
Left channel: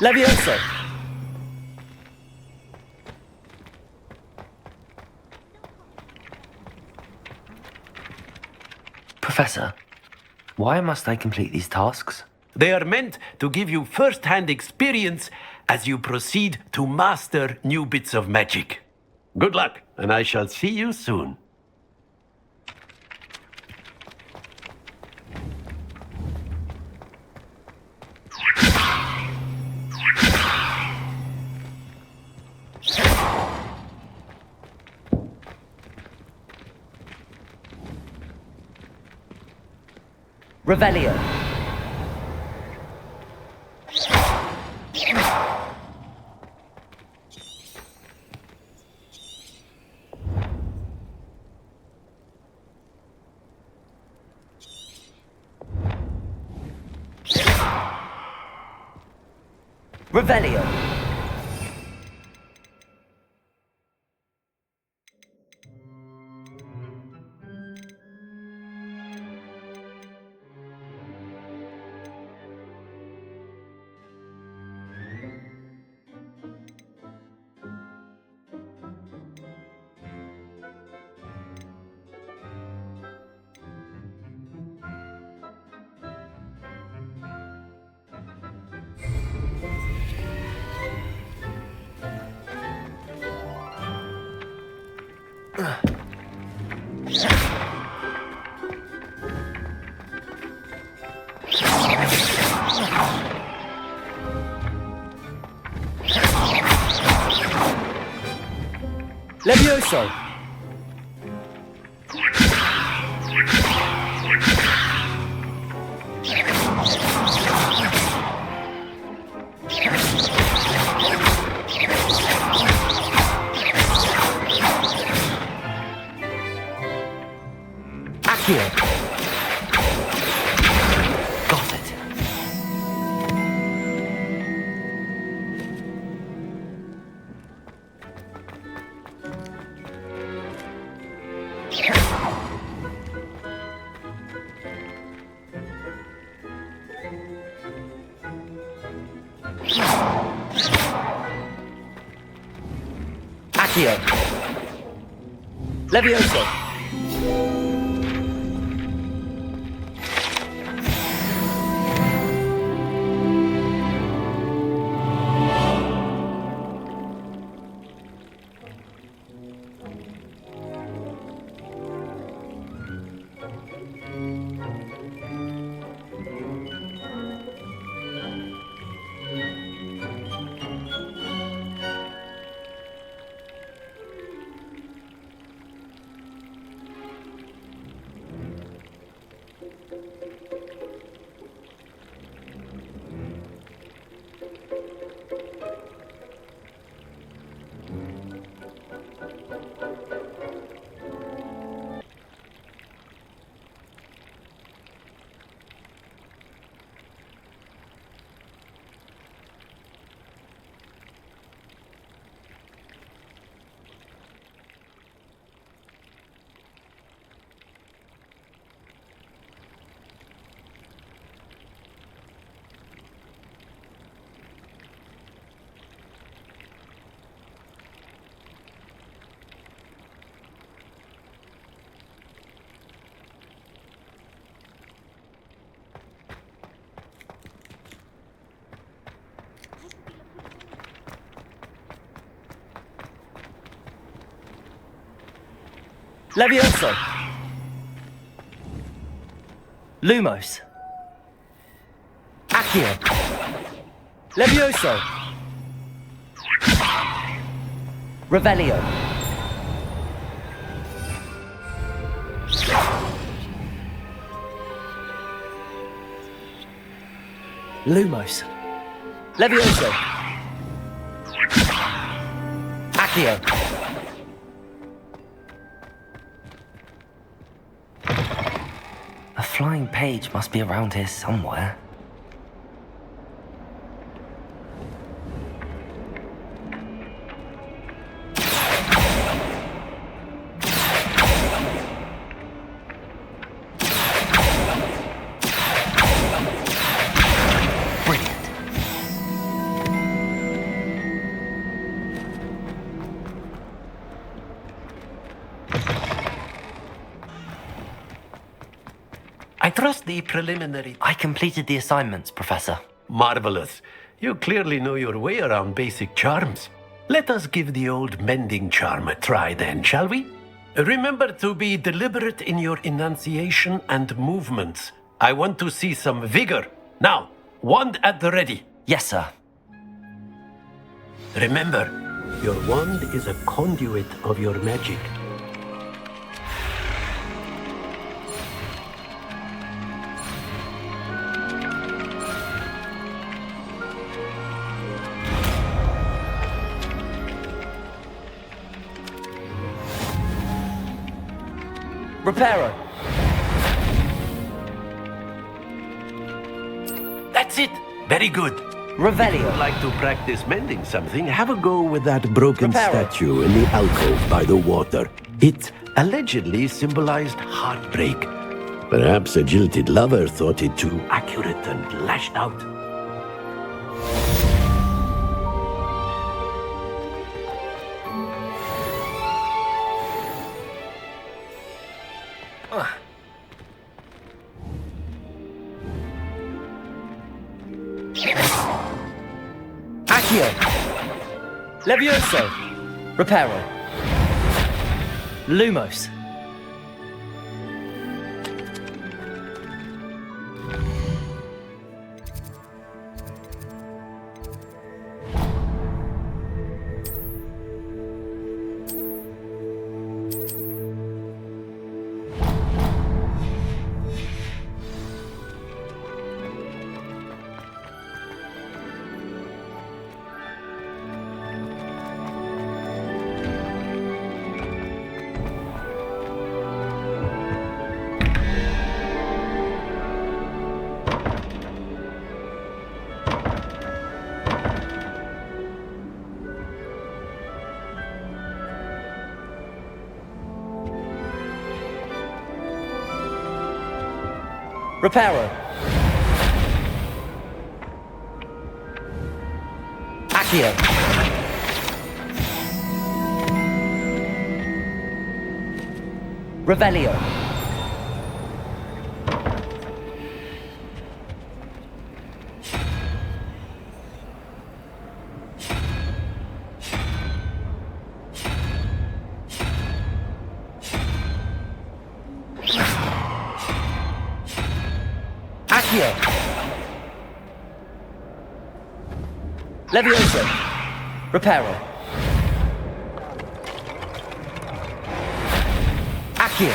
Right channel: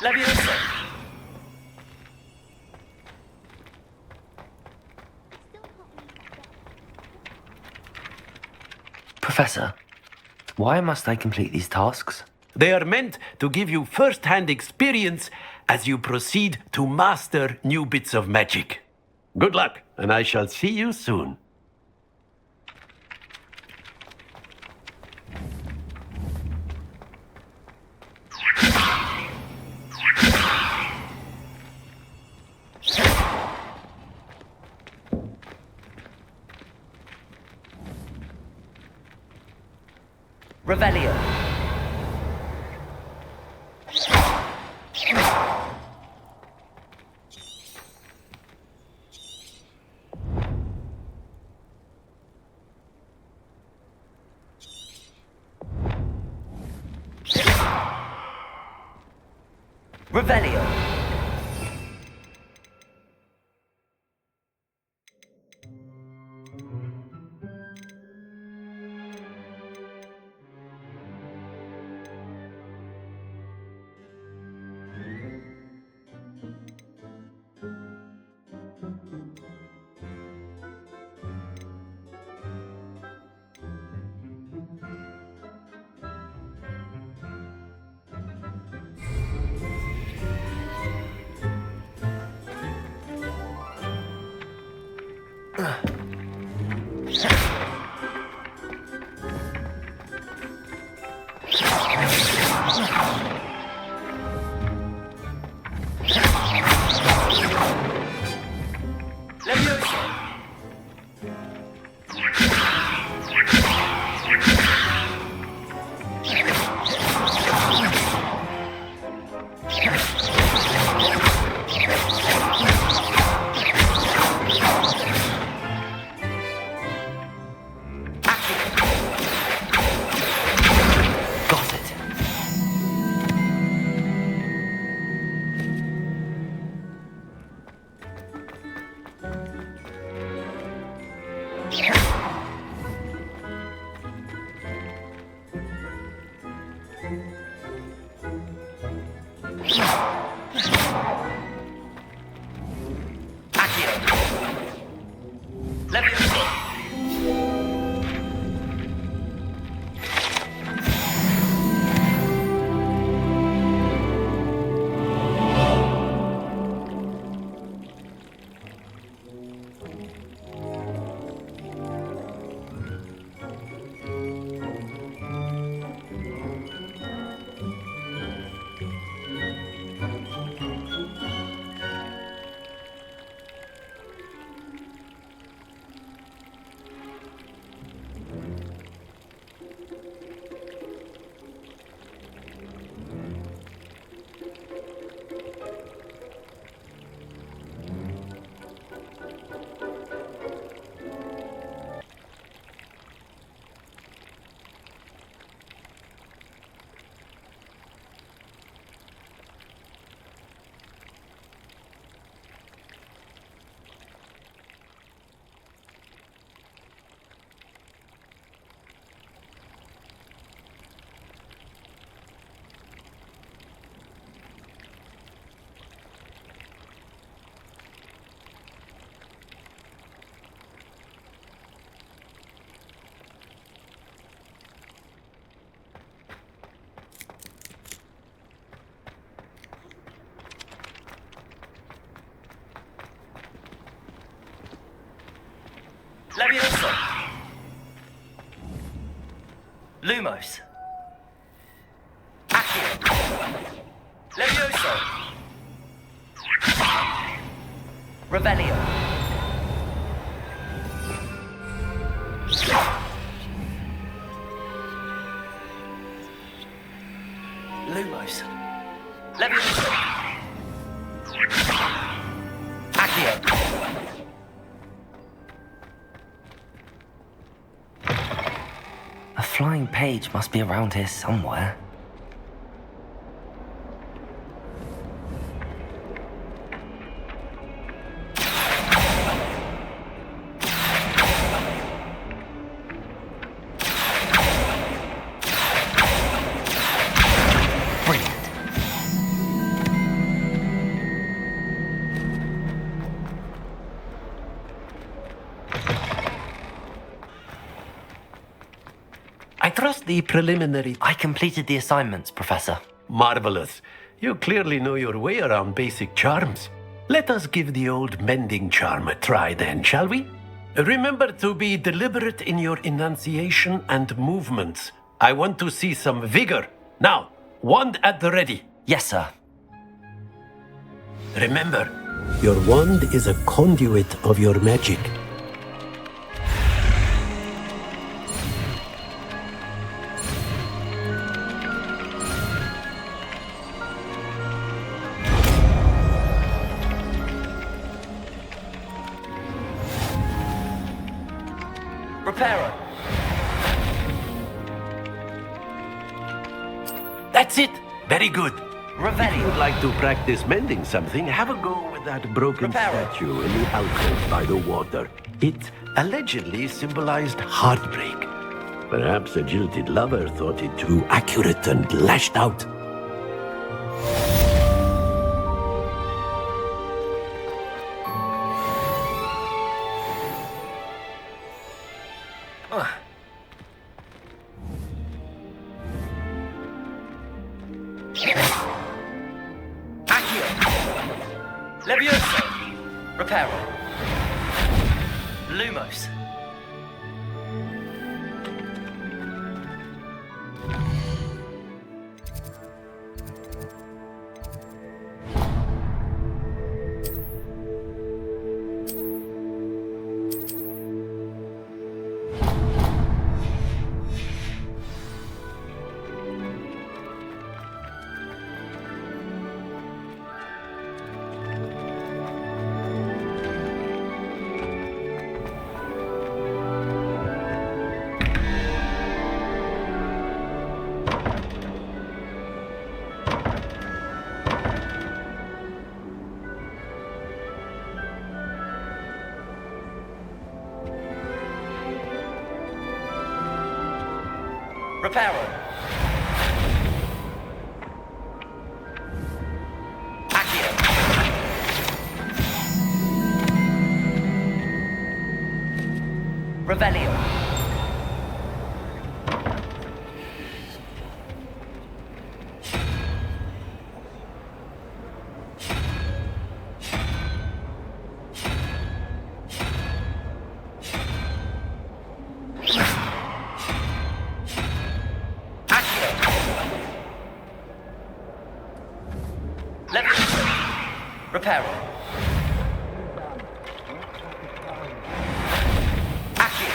Levioso! Professor, why must I complete these tasks? They are meant to give you first-hand experience as you proceed to master new bits of magic. Good luck, and I shall see you soon. Revelio. Revelio. Levioso. Got it. Accio. Levioso. Levioso. Lumos. Accio. Levioso. Revelio. Lumos. Levioso. Accio. A flying page must be around here somewhere. I trust the preliminary... I completed the assignments, Professor. Marvelous. You clearly know your way around basic charms. Let us give the old mending charm a try then, shall we? Remember to be deliberate in your enunciation and movements. I want to see some vigor. Now, wand at the ready. Yes, sir. Remember, your wand is a conduit of your magic. Reparo. That's it. Very good. Revelio. If you would like to practice mending something, have a go with that broken statue in the alcove by the water. It allegedly symbolized heartbreak. Perhaps a jilted lover thought it too accurate and lashed out. Accio. Levioso. Reparo. Lumos. Reparo. Accio. Revelio. Levioso. Reparo. Accio.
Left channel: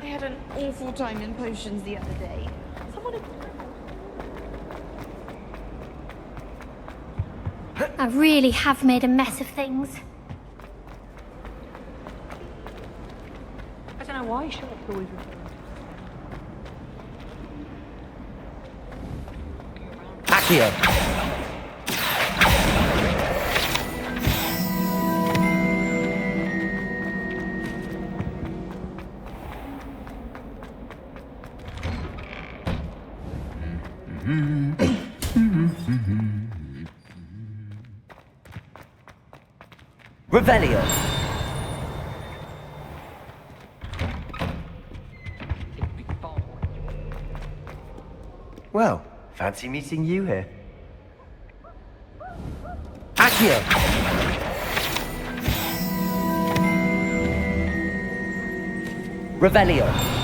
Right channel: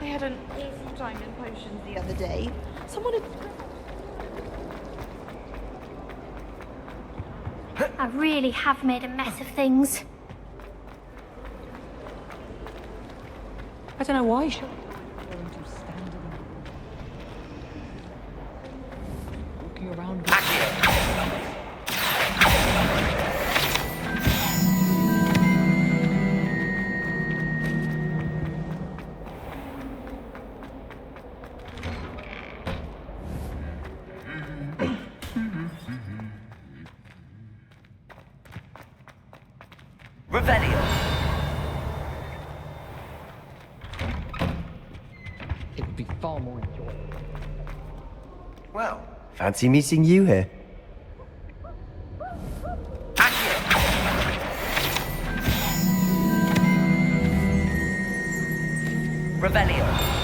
I had an awful time in potions the other day. Someone I really have made a mess of things. I don't know why shops always refer to walking around. Accio. Revelio. It'd be far more enjoyable. Well, fancy meeting you here. Accio. Revelio.